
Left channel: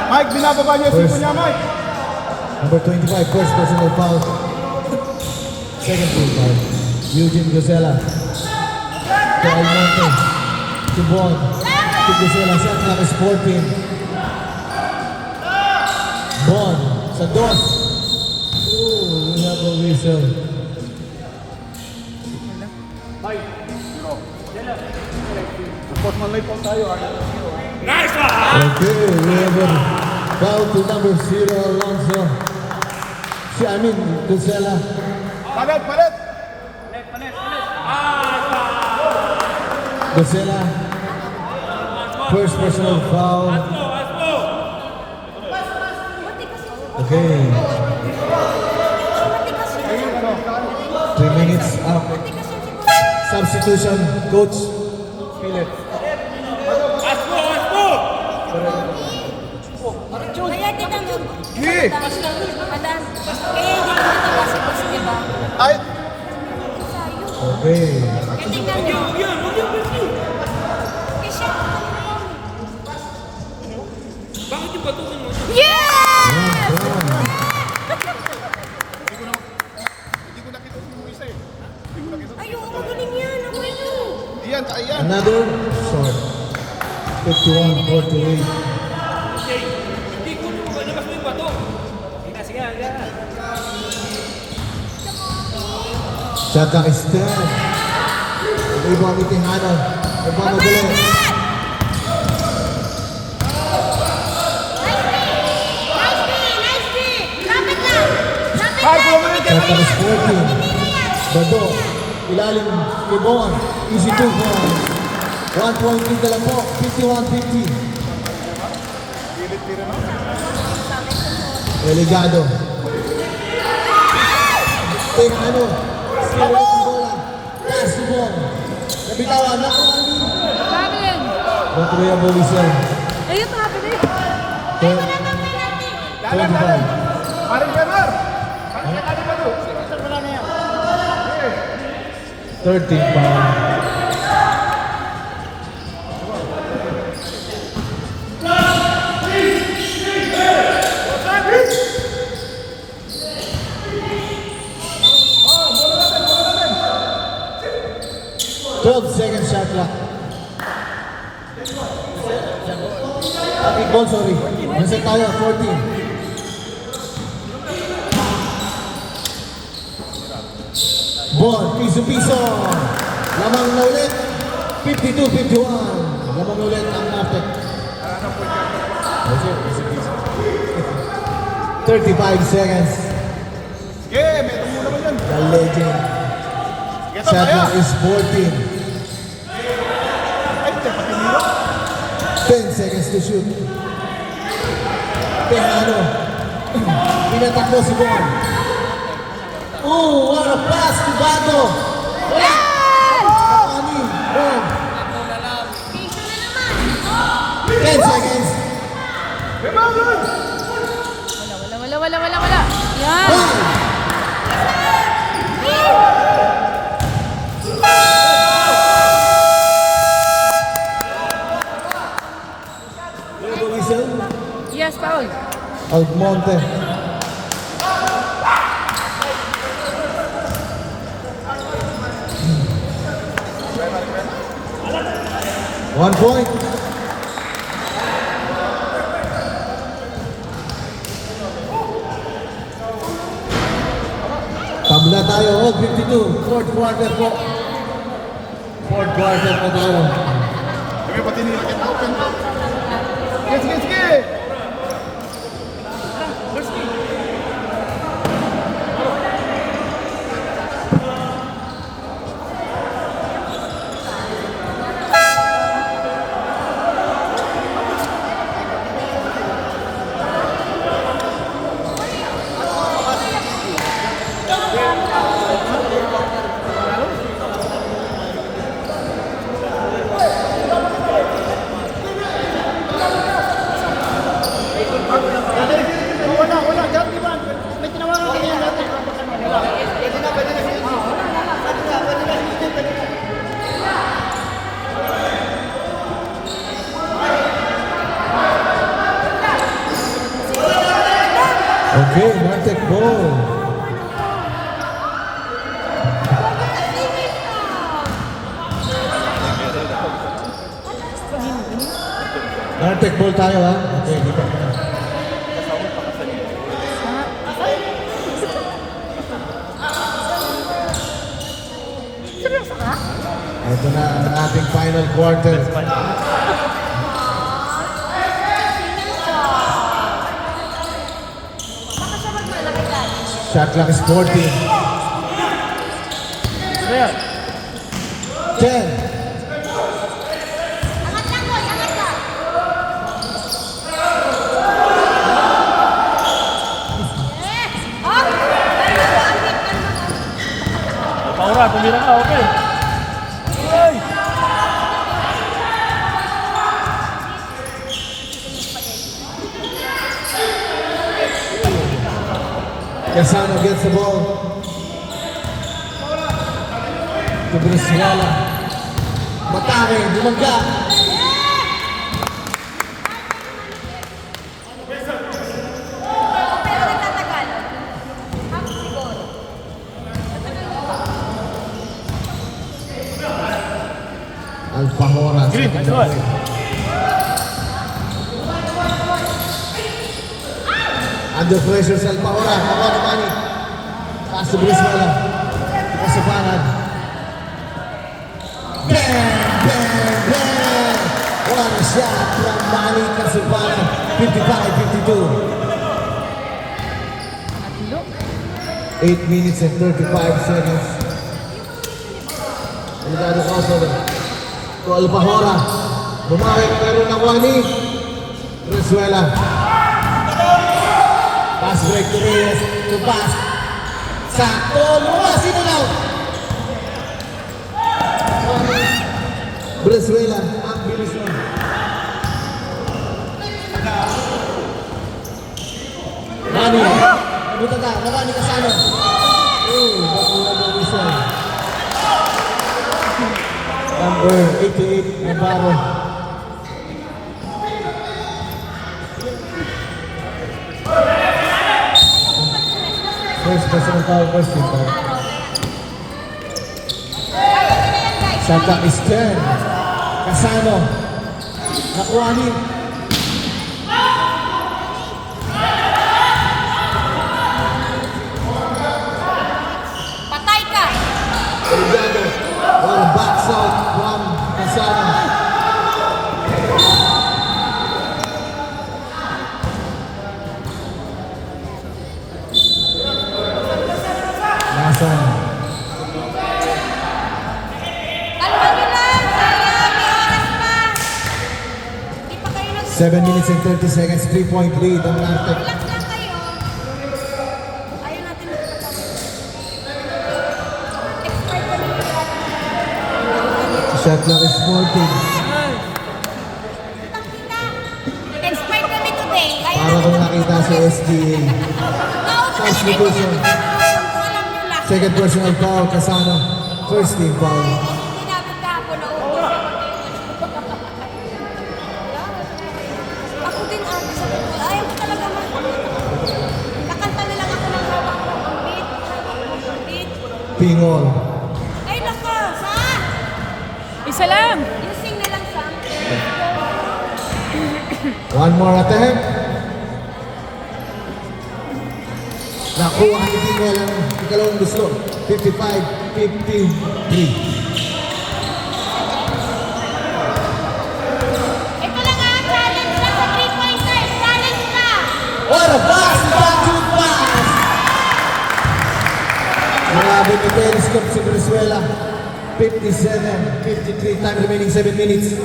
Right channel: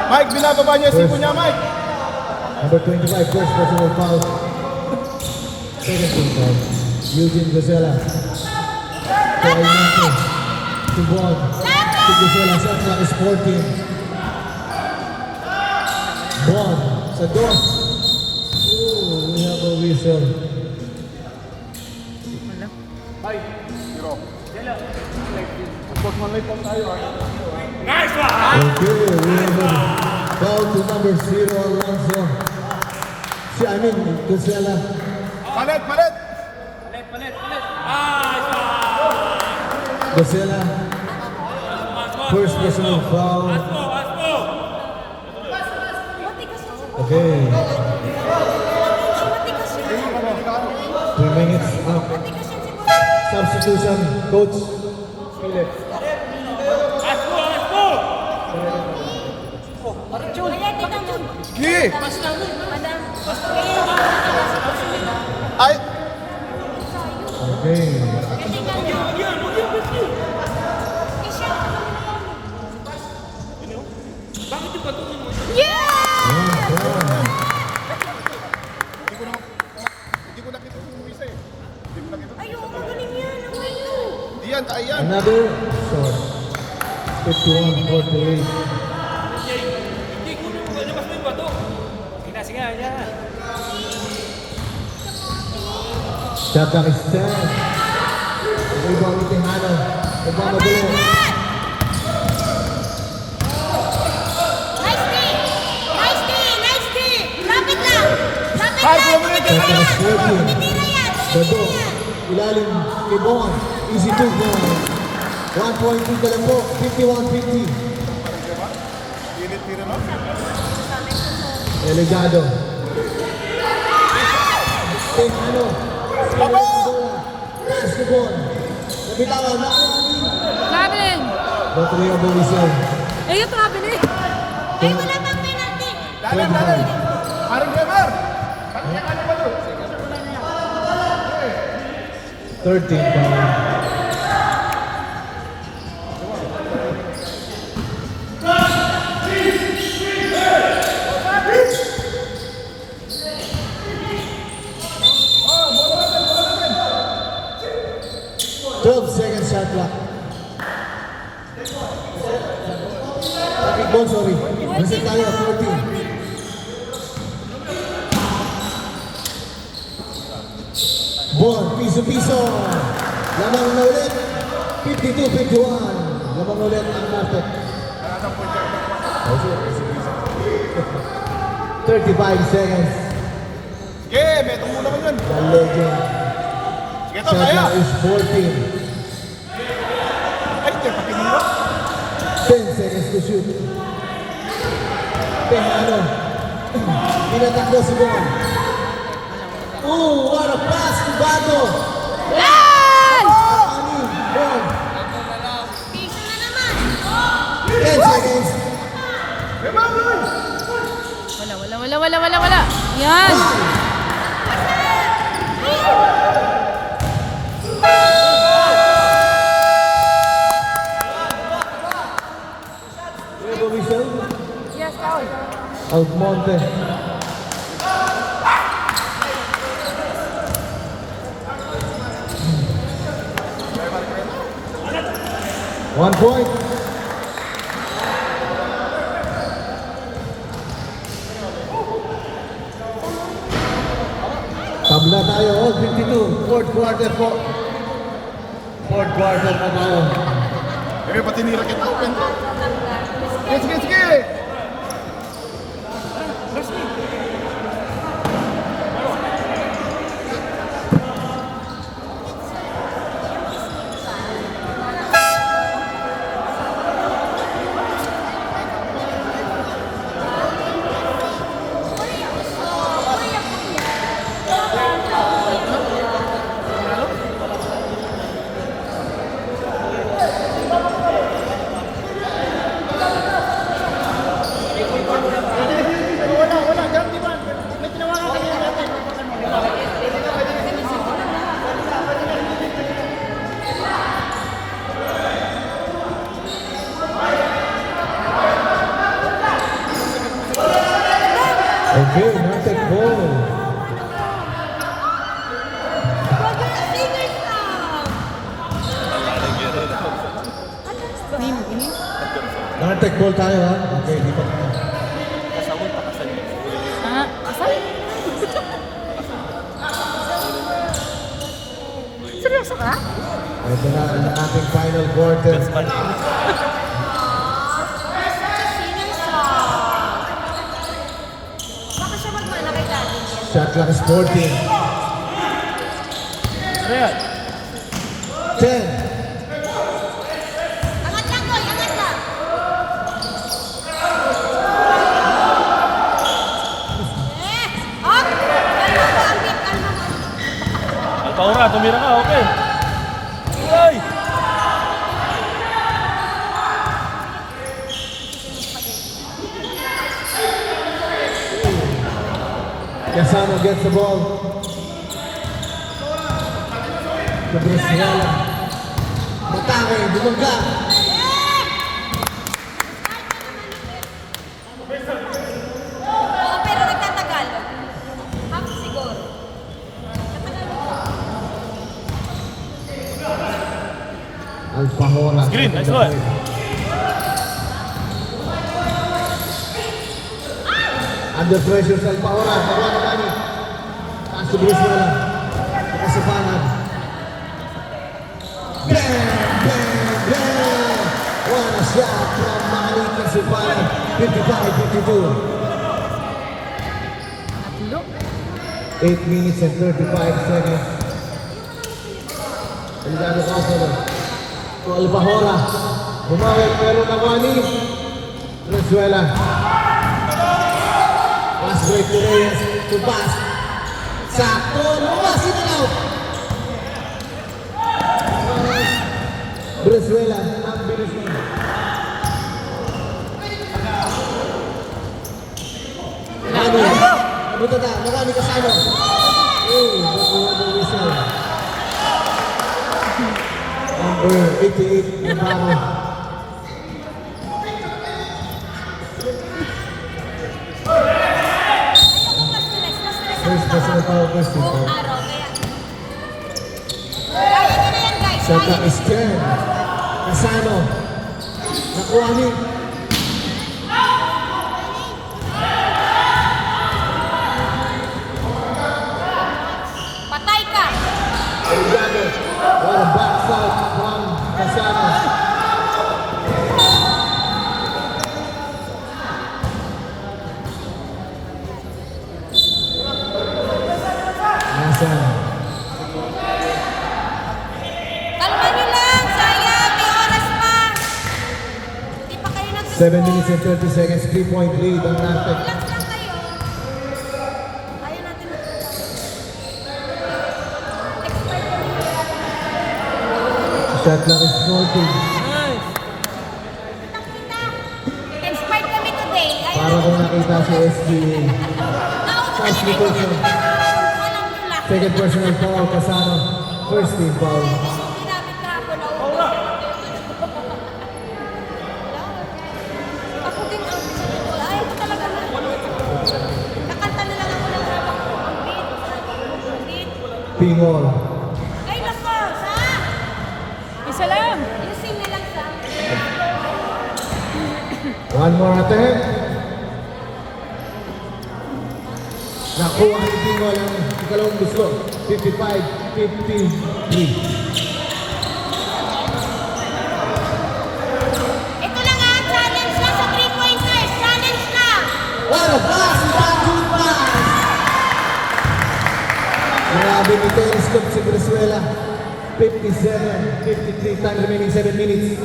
Mike, binababa niya yung sipo niya, Mike. Number 25, first personal foul. Second team foul. Eugene Gosela. To Almonte. To Bon. To Gosela. Shot clock is 14. Bon. Sa dos. Ooh, we have a whistle. Nice one! Okay, we have a foul to number 0, Alonso. Gosela. Palit, palit. Gosela. First personal foul. Okay. 3 minutes up. Substitution, coach. Philip. Kaya tingnan yun. Sige. Basta mo, madam. Kaya hindi ko nakapasok ko siya ba? Ay, Okay. Kaya tingnan yun. Kaya siya. Bakit yung bato mo? Yeah! hindi ko nakita yung isa eh. Hindi ko nakita. Ayun, ang galing yan. Ang galing. Diyan, tayo yan. Another shot. 51-48. Hindi ko nyo labas mo yung bato. Sige, sige, yan. Shot clock is 10. Rebound ni Tejano. Nagmamadali. Nice day! Nice day! Lapit lang! Lapit lang! Shot clock is 14. Bado. Ilalim ni Bon. Easy 2 points. 1 point lead na lang po. 51-50. Delegado. Tejano. Pass to Bon. Nabitawan. Namin! Natuloy ang bulisan. Eh, ito namin eh. Ay, wala pang penalty! 25. Haring Trevor. Haring kanya pa doon. 13 foul. Bola natin, bola natin. 12 seconds shot clock. Ball, sorry. Reset tayo, 14. Ball, piso-piso. Lamang na ulit. 52-51. Lamang na ulit ang napit. 35 seconds. Sige, may tulo naman yun. The legend. Sige, Shot tayo. clock is 14. Ay, tiniro. 10 seconds to shoot. Tejano. Pinatakbo si Ben. Ooh, what a pass to Bato. Ani, Bon. Piso na naman! 10 seconds. Rebound, Lord. Wala. Yan! 5. Diego Whistle. Yes, foul. Almonte. One point. Tabla tayo, 52. Fourth quarter po. Fourth quarter po po. Sige, pati nila kita open. Sige, sige, sige. Okay, Nartek ball. Nartek ball tayo ha. Okay, dito. Seryoso ka? Ito na ang ating final quarter. Shot clock is 14. 10. Paura, tumira ka, okay. Hey! Casano gets the ball. To Brizuela. Matake, bumangga. Pero nagtatagal. Ako siguro. Alfahora. Green, nice one. Under pressure sa Alfahora. Pakuha naman eh. Taas to Brizuela. Kasipanan. Bang! Bang! Bang! What a shot from Manny Kasipanan. 55-52. Tatlo. 8 minutes and 35 seconds. Delikado ko sa to Alfahora. Bumawi pero nawani. Brizuela. Pass break to Reyes. To pass. Sakto. Lumas sinalaw. Brizuela. Ang bilis na. Nani. Butata. Marami Casano. Oh, bakuha daw whistle. Number 88, Navarro. First personal foul, first team foul. Santa is 10. Casano. Nakuha ni. Patay ka! Delgado. Oh, backside. One. Casano. Nasa. Kalma nyo lang! Sayang! May oras pa! Hindi pa kayo nag- 7 minutes and 30 seconds. 3-point lead ang Nartek. Relax lang kayo. Ayaw natin magpatawag. Expert kami ng Shot clock is 14. Expert kami today. Ayaw Para ko nakita sa SBA. First division. Alam nyo lang. Second personal foul, Casano. First team foul. Hindi namin kahapon naubos. Ako din ate sa ito. Ayaw ko talaga nakanta na lang ako ng hawak ko. Ang beat. Pingol. Ay nako, Sam! Isa lang. Lusing na lang, Sam. One more attempt. Nakuha ni Pingol ang ikalawang gusto. 55-53. Ito lang ang challenge lang sa 3-pointers. Challenge ka! What a pass! That's good pass! Grabe ni Telescope sa Brizuela. 57-53. Time remaining 7 minutes.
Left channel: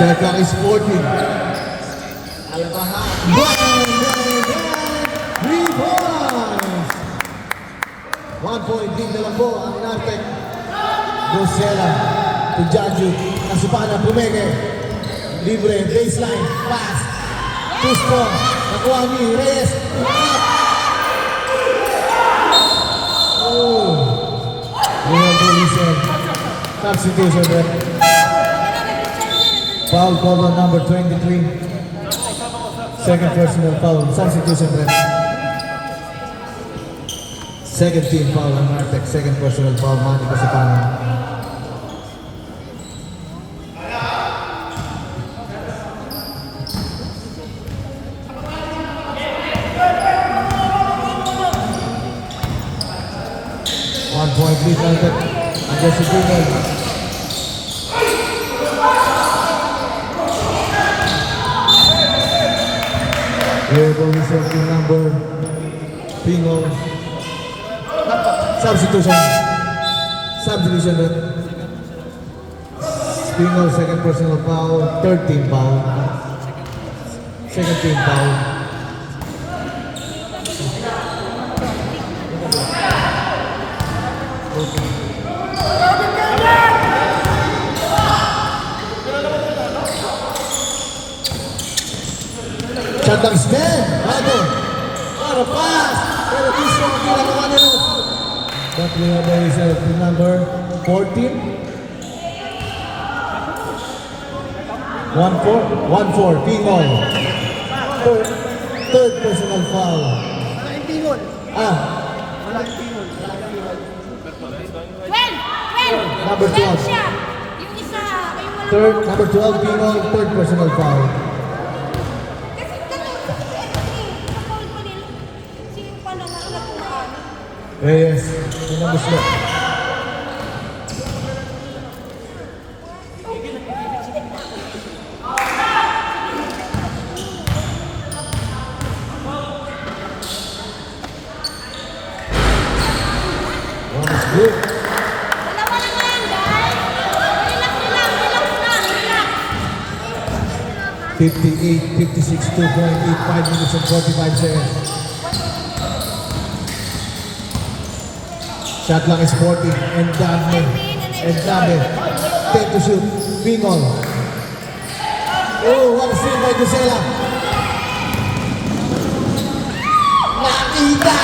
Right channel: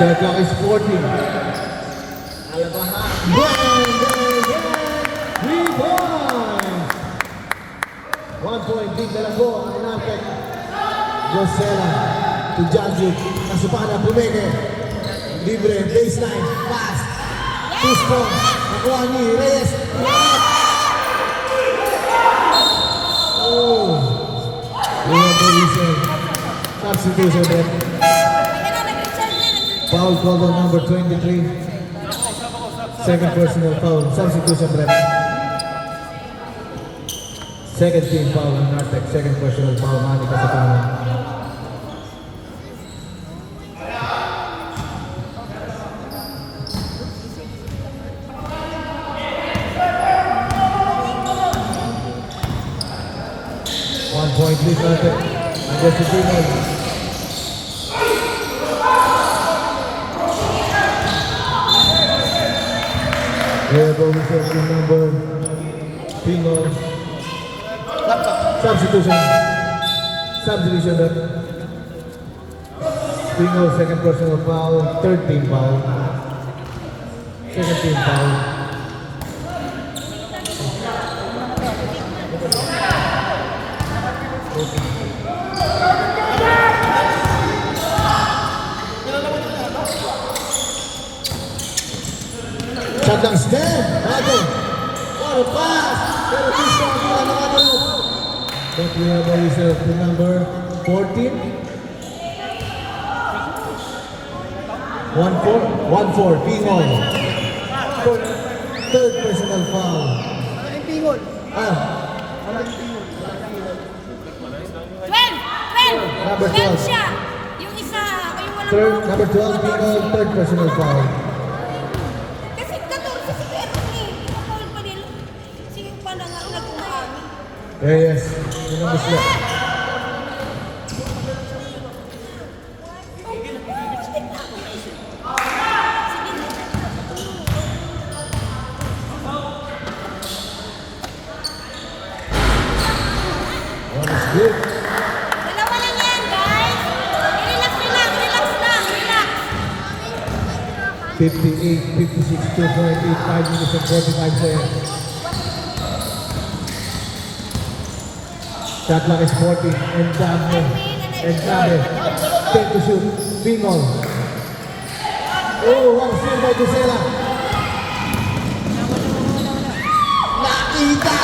Shot clock is 40. Albaha. Bang! 3 points! 1 point lead na lang po ang Nartek. Rosella to Janji. Kasipana, Pumeke. Libre, baseline, pass. 2 strong. Nakuha ni Reyes. Oh. Iwan po, Lisa. Substitution, Brett. Foul called on number 23. Second personal foul. Substitution ref. Second team foul on Nartec. Second personal foul. Mani ka sa foul. One point lead Nartec. Jesse Greenwald. Here the whistle team number Pino. Substitution rep. Pino second personal foul, third team foul. Second team foul. Shot lang stand. Bago. What a pass. Pero gusto ang ginagawa. But we have the whistle team number 14. 1-4, Pingol. Third personal foul. Malaking pingol. Number 12. siya. Yung isa, yung walang... Number 12, Pingol, third personal foul. Kasi ganun sa foul pa nila. Sige pa na nagkumaan. Yes. Yung number slot. One is good. Dalawa lang yan, guys. Relax lang, relax lang, relax. 58, 56, 2.85 minutes and 45 seconds. Shot lang is 40. Endame. 10 to shoot. Pingol. Oh, one steal by Dusela. Nakita!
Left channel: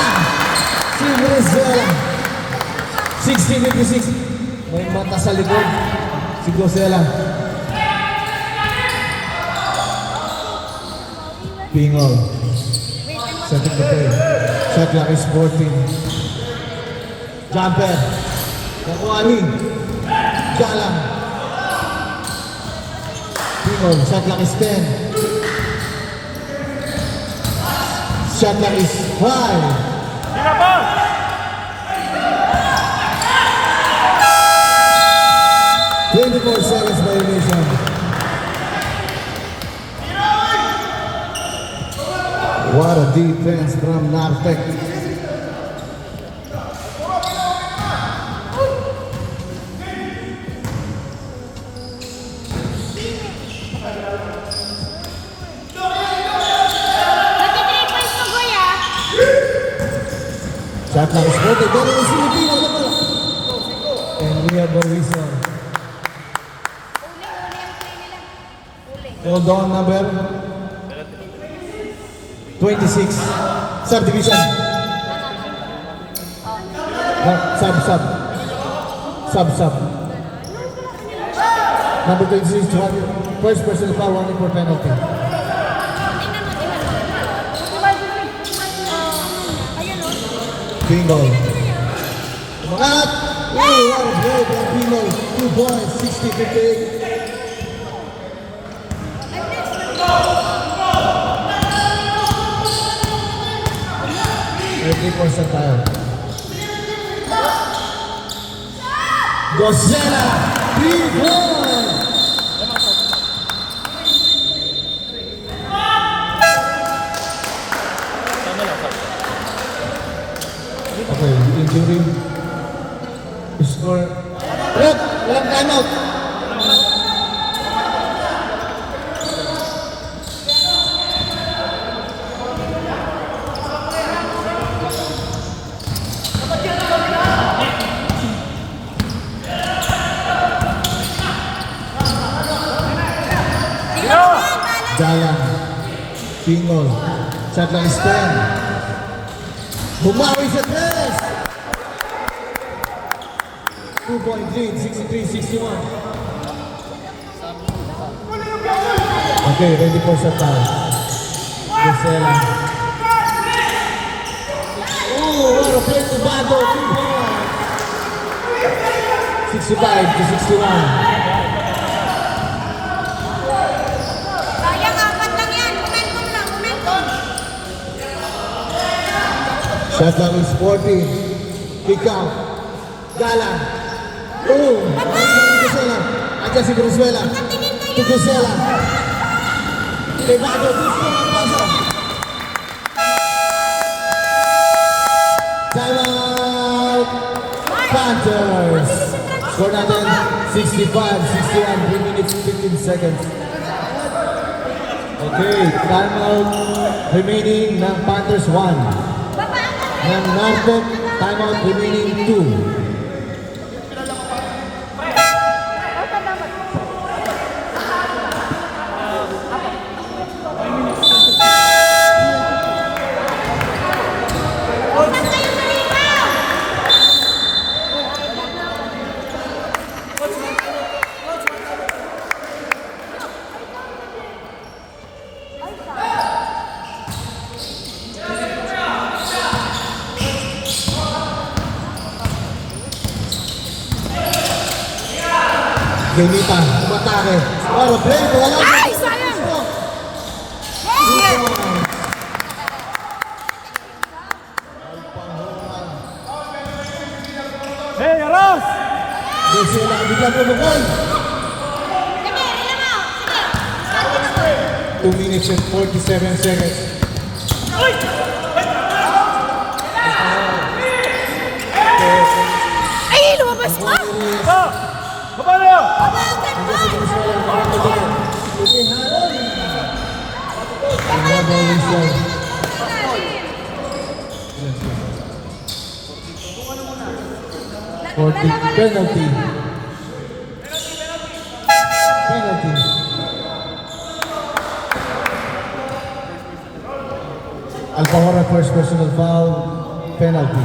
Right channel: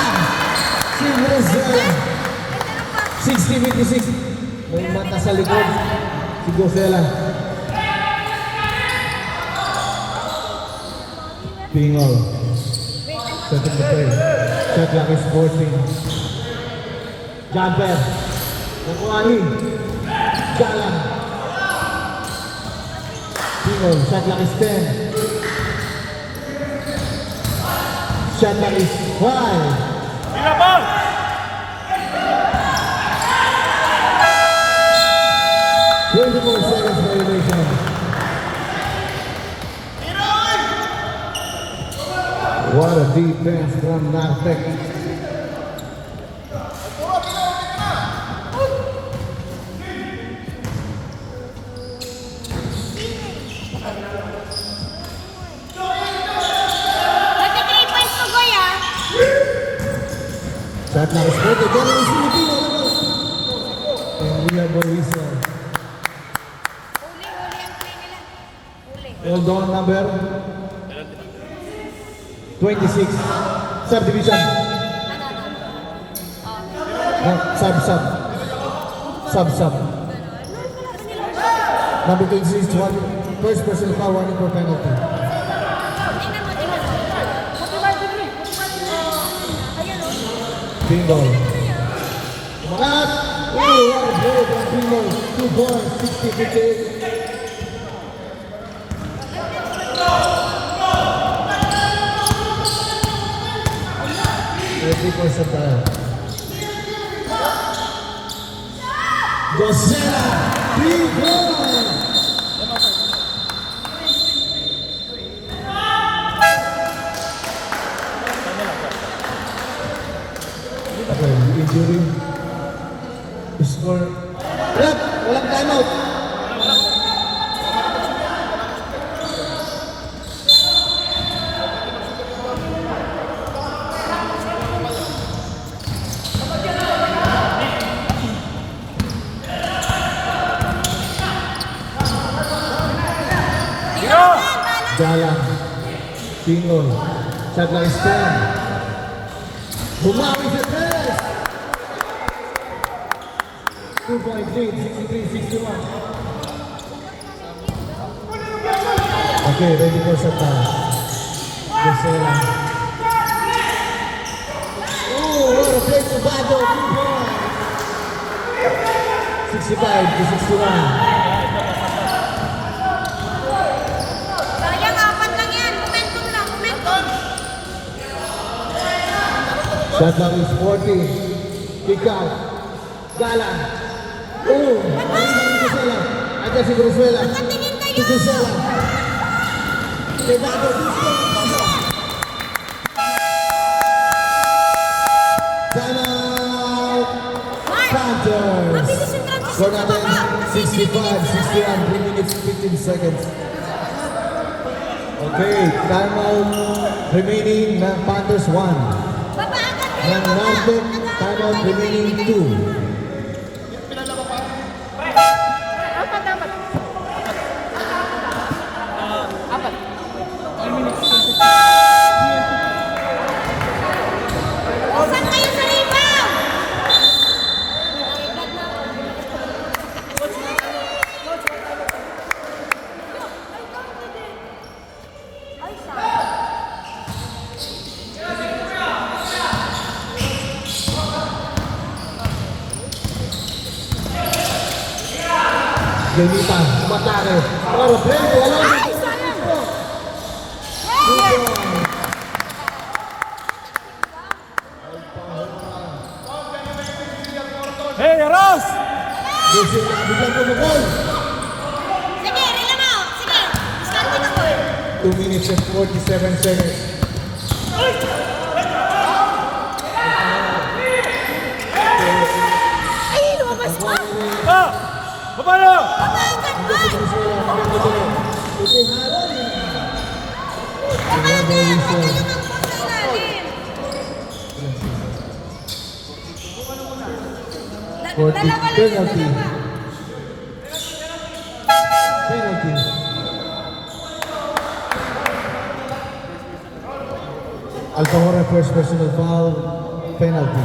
Si Venezuela. 60-56. May mata sa likod. Si Dusela. Pingol. Setting the play. Shot lang is 14. Jumper. Nakuani. Galang. Pingol. Shot lang is 10. Shot lang is 5. 24 seconds violation. What a defense from Nartec. Nag-3 points to go, ya. Shot lang is 40. Galing ang Filipino. And we have a whistle. Uli ang play nila. Uli. Hold on, number 26. Subdivision. Sub. Number 26, first person foul, 1 for penalty. Tingnan mo. Ayun, o. Bingo. Umangat! Oh, what a play by Bingo. 2 points, 60-58. Three points na tayo. Gosela! Big goal! Okay, injury. Score. Red! Walang timeout! Jalan. Bingo. Shot lang is 10. Bumawi sa tres! 2-point lead, 63-61. Okay, ready for shot now. Gisela. Oh, what a play to Bago. 65 to 61. Sayang, apat lang yan. Momentum lang, momentum. Shot clock is 40. Kick out. Galang. Oh, Gisela. Ayan si Venezuela. To Gisela. Kay Bago. Time out. Panthers. Score natin 65, 61, 3 minutes, 15 seconds. Okay, time out remaining ng Panthers 1. Ng Nartek, time out remaining 2. Gamita, umatake. Claro, play, alam. Ay, sayang! Hey, Ros! Kasi nakabigla ko mag-goal. Sige, ilan mo. Sige, start na ko. 2 minutes and 47 seconds. Ay, lumabas ka! Baba na! Another whistle. 40 penalty. Penalty. Alfahora first personal foul. Penalty.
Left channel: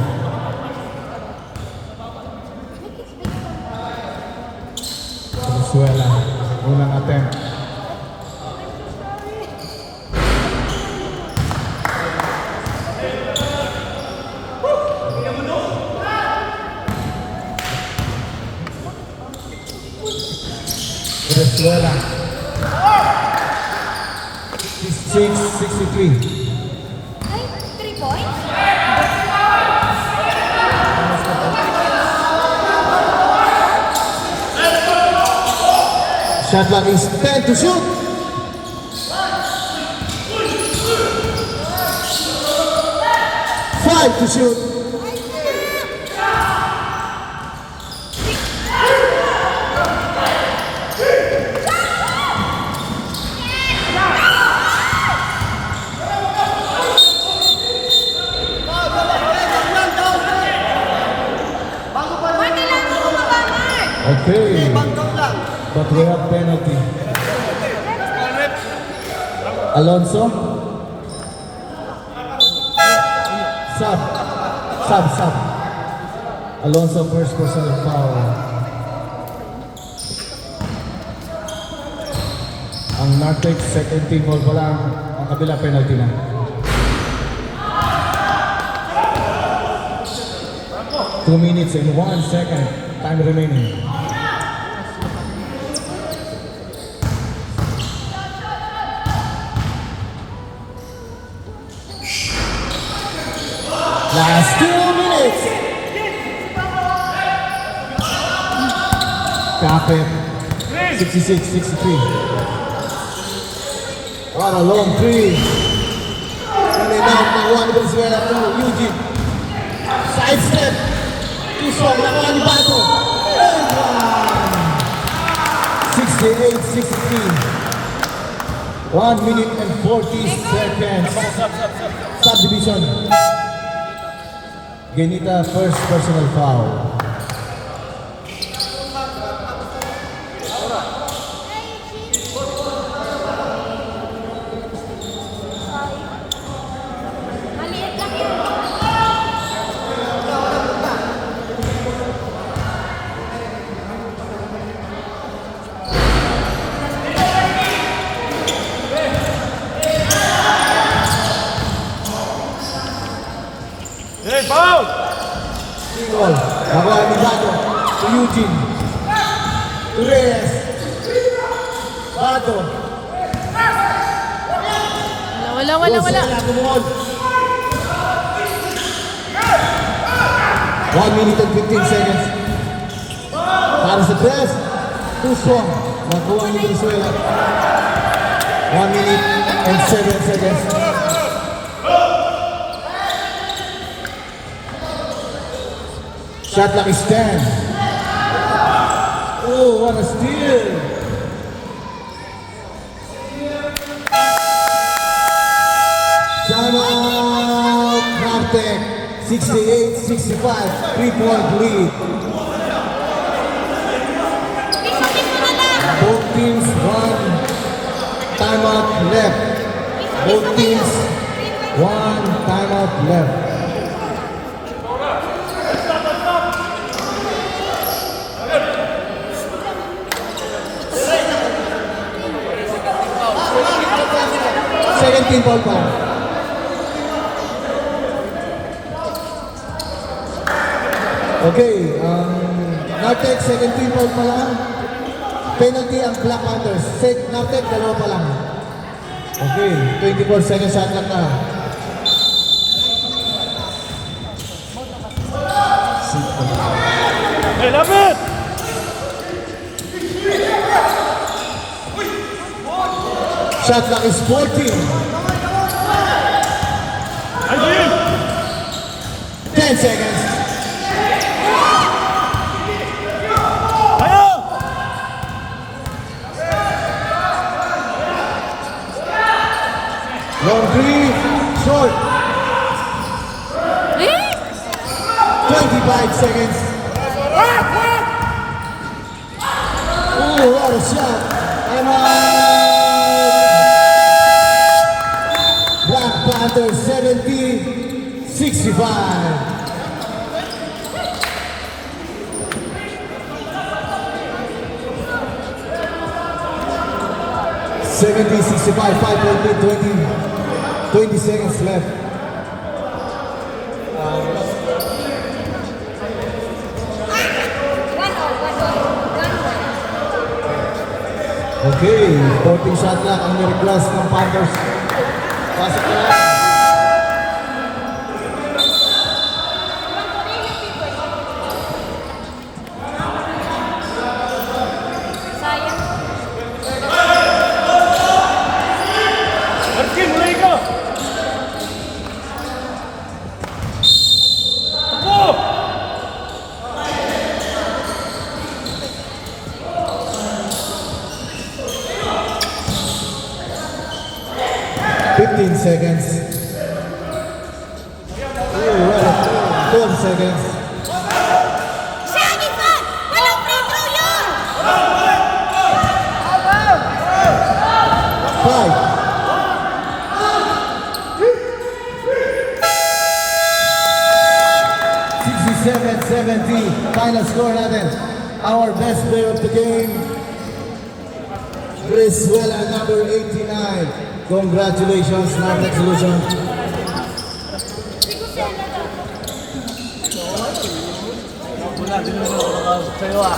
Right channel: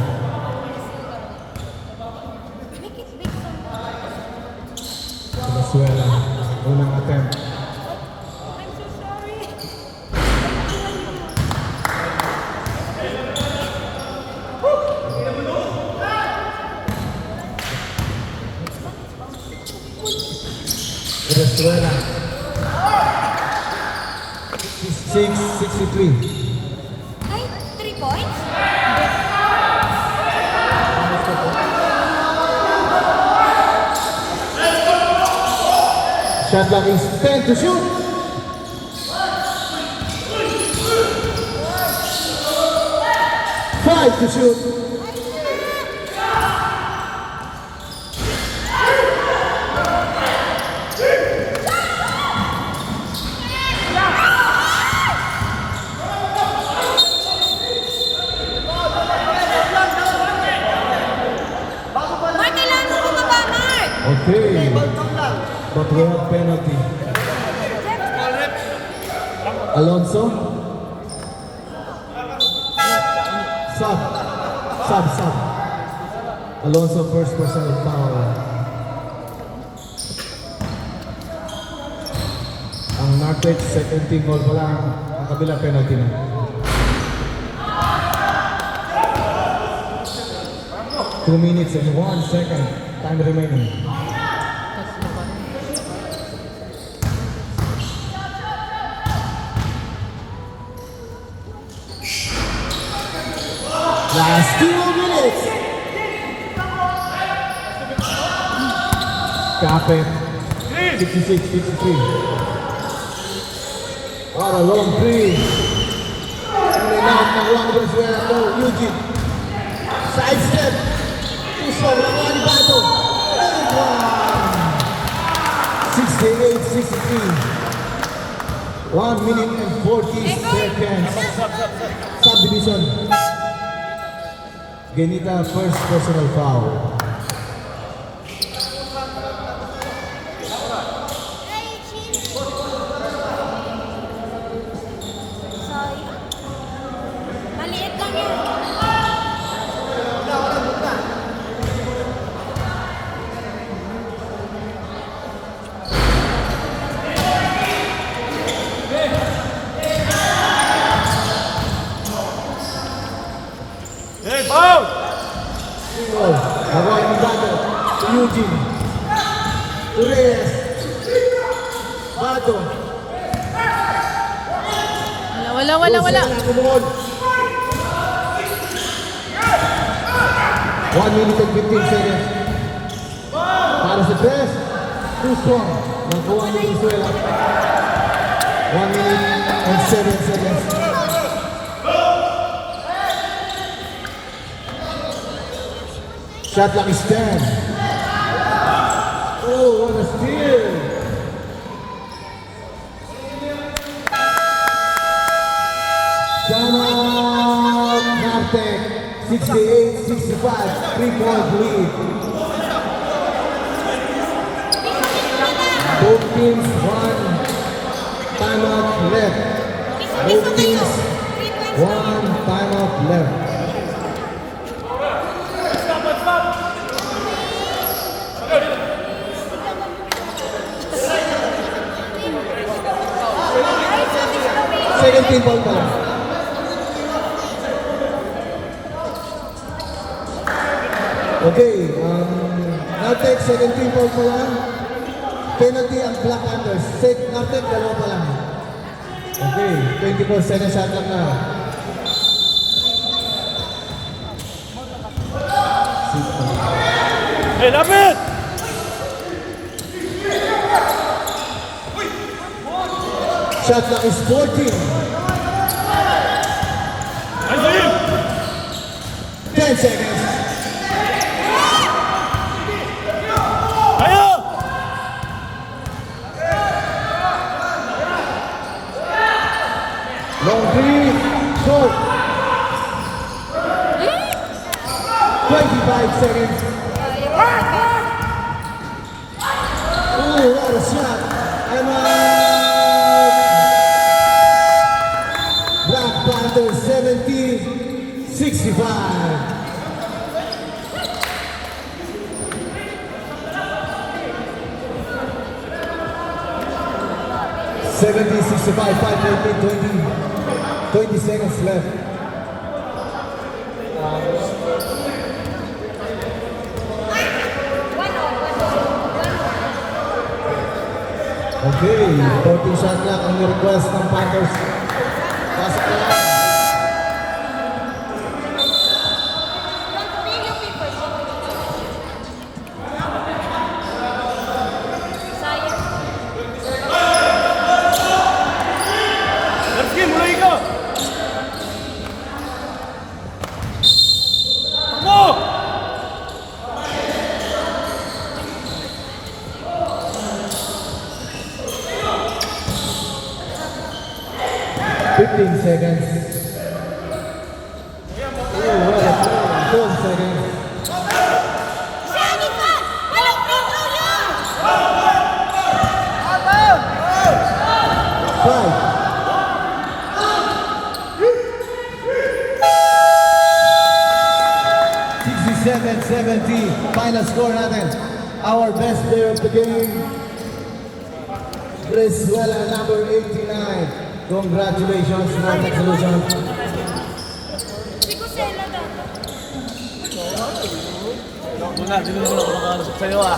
Venezuela. Unang attempt. Venezuela. 66-63. Ay, 3 points? Shot clock is 10 to shoot. 5 to shoot. Mark, kailangan mo bumaba, Mark. Okay. But we have penalty. Alonso. Sub. Alonso first personal foul. Ang Nartek second team ball pa lang. Ang kabila penalty na. Two minutes and 1 second. Time remaining. Last 2 minutes. Kapit. 66-63. What a long three. And they knock the one Venezuela to Eugene. Side step. Tusok lawan Bago. 68-63. 1 minute and 40 seconds. Subdivision. Genita first personal foul. Maliit lang yun. Hey, foul! Tingol. Magawa ni Bato. To Eugene. To Reyes. Bato. Wala. Rosella Kumon. 1 minute and 15 seconds. Para sa press. Too strong. Nakuha ni Venezuela. 1 minute and 7 seconds. Shot clock is 10. Oh, what a steal! Timeout, Nartek, 68-65, 3-point lead. Both teams one timeout left. Both teams one timeout left. Second team ball time. Okay, Nartek, second team ball pa lang. Penalty ang Black Panthers. Nartek, dalawa pa lang. Okay, 24 seconds shot clock na. Hey, lapit! Shot clock is 14. 10 seconds. Ayaw! Long three, short. 25 seconds. Ooh, what a shot. I'm out. Black Panther 70-65. $70-65, 20 seconds left. Okay, 14 shot clock ang request ng Panthers. Pasok na lang. Sayang. Erkin, mulai ka! Ako! 15 seconds. Ooh, what a throw. 12 seconds. Sayang pa! Walang free throw yun! 5. 67-70. Final score natin. Our best player of the game. Venezuela, number 89. Congratulations, Nartek Solutions. Si Kusela daw. Wala, sa'yo ah.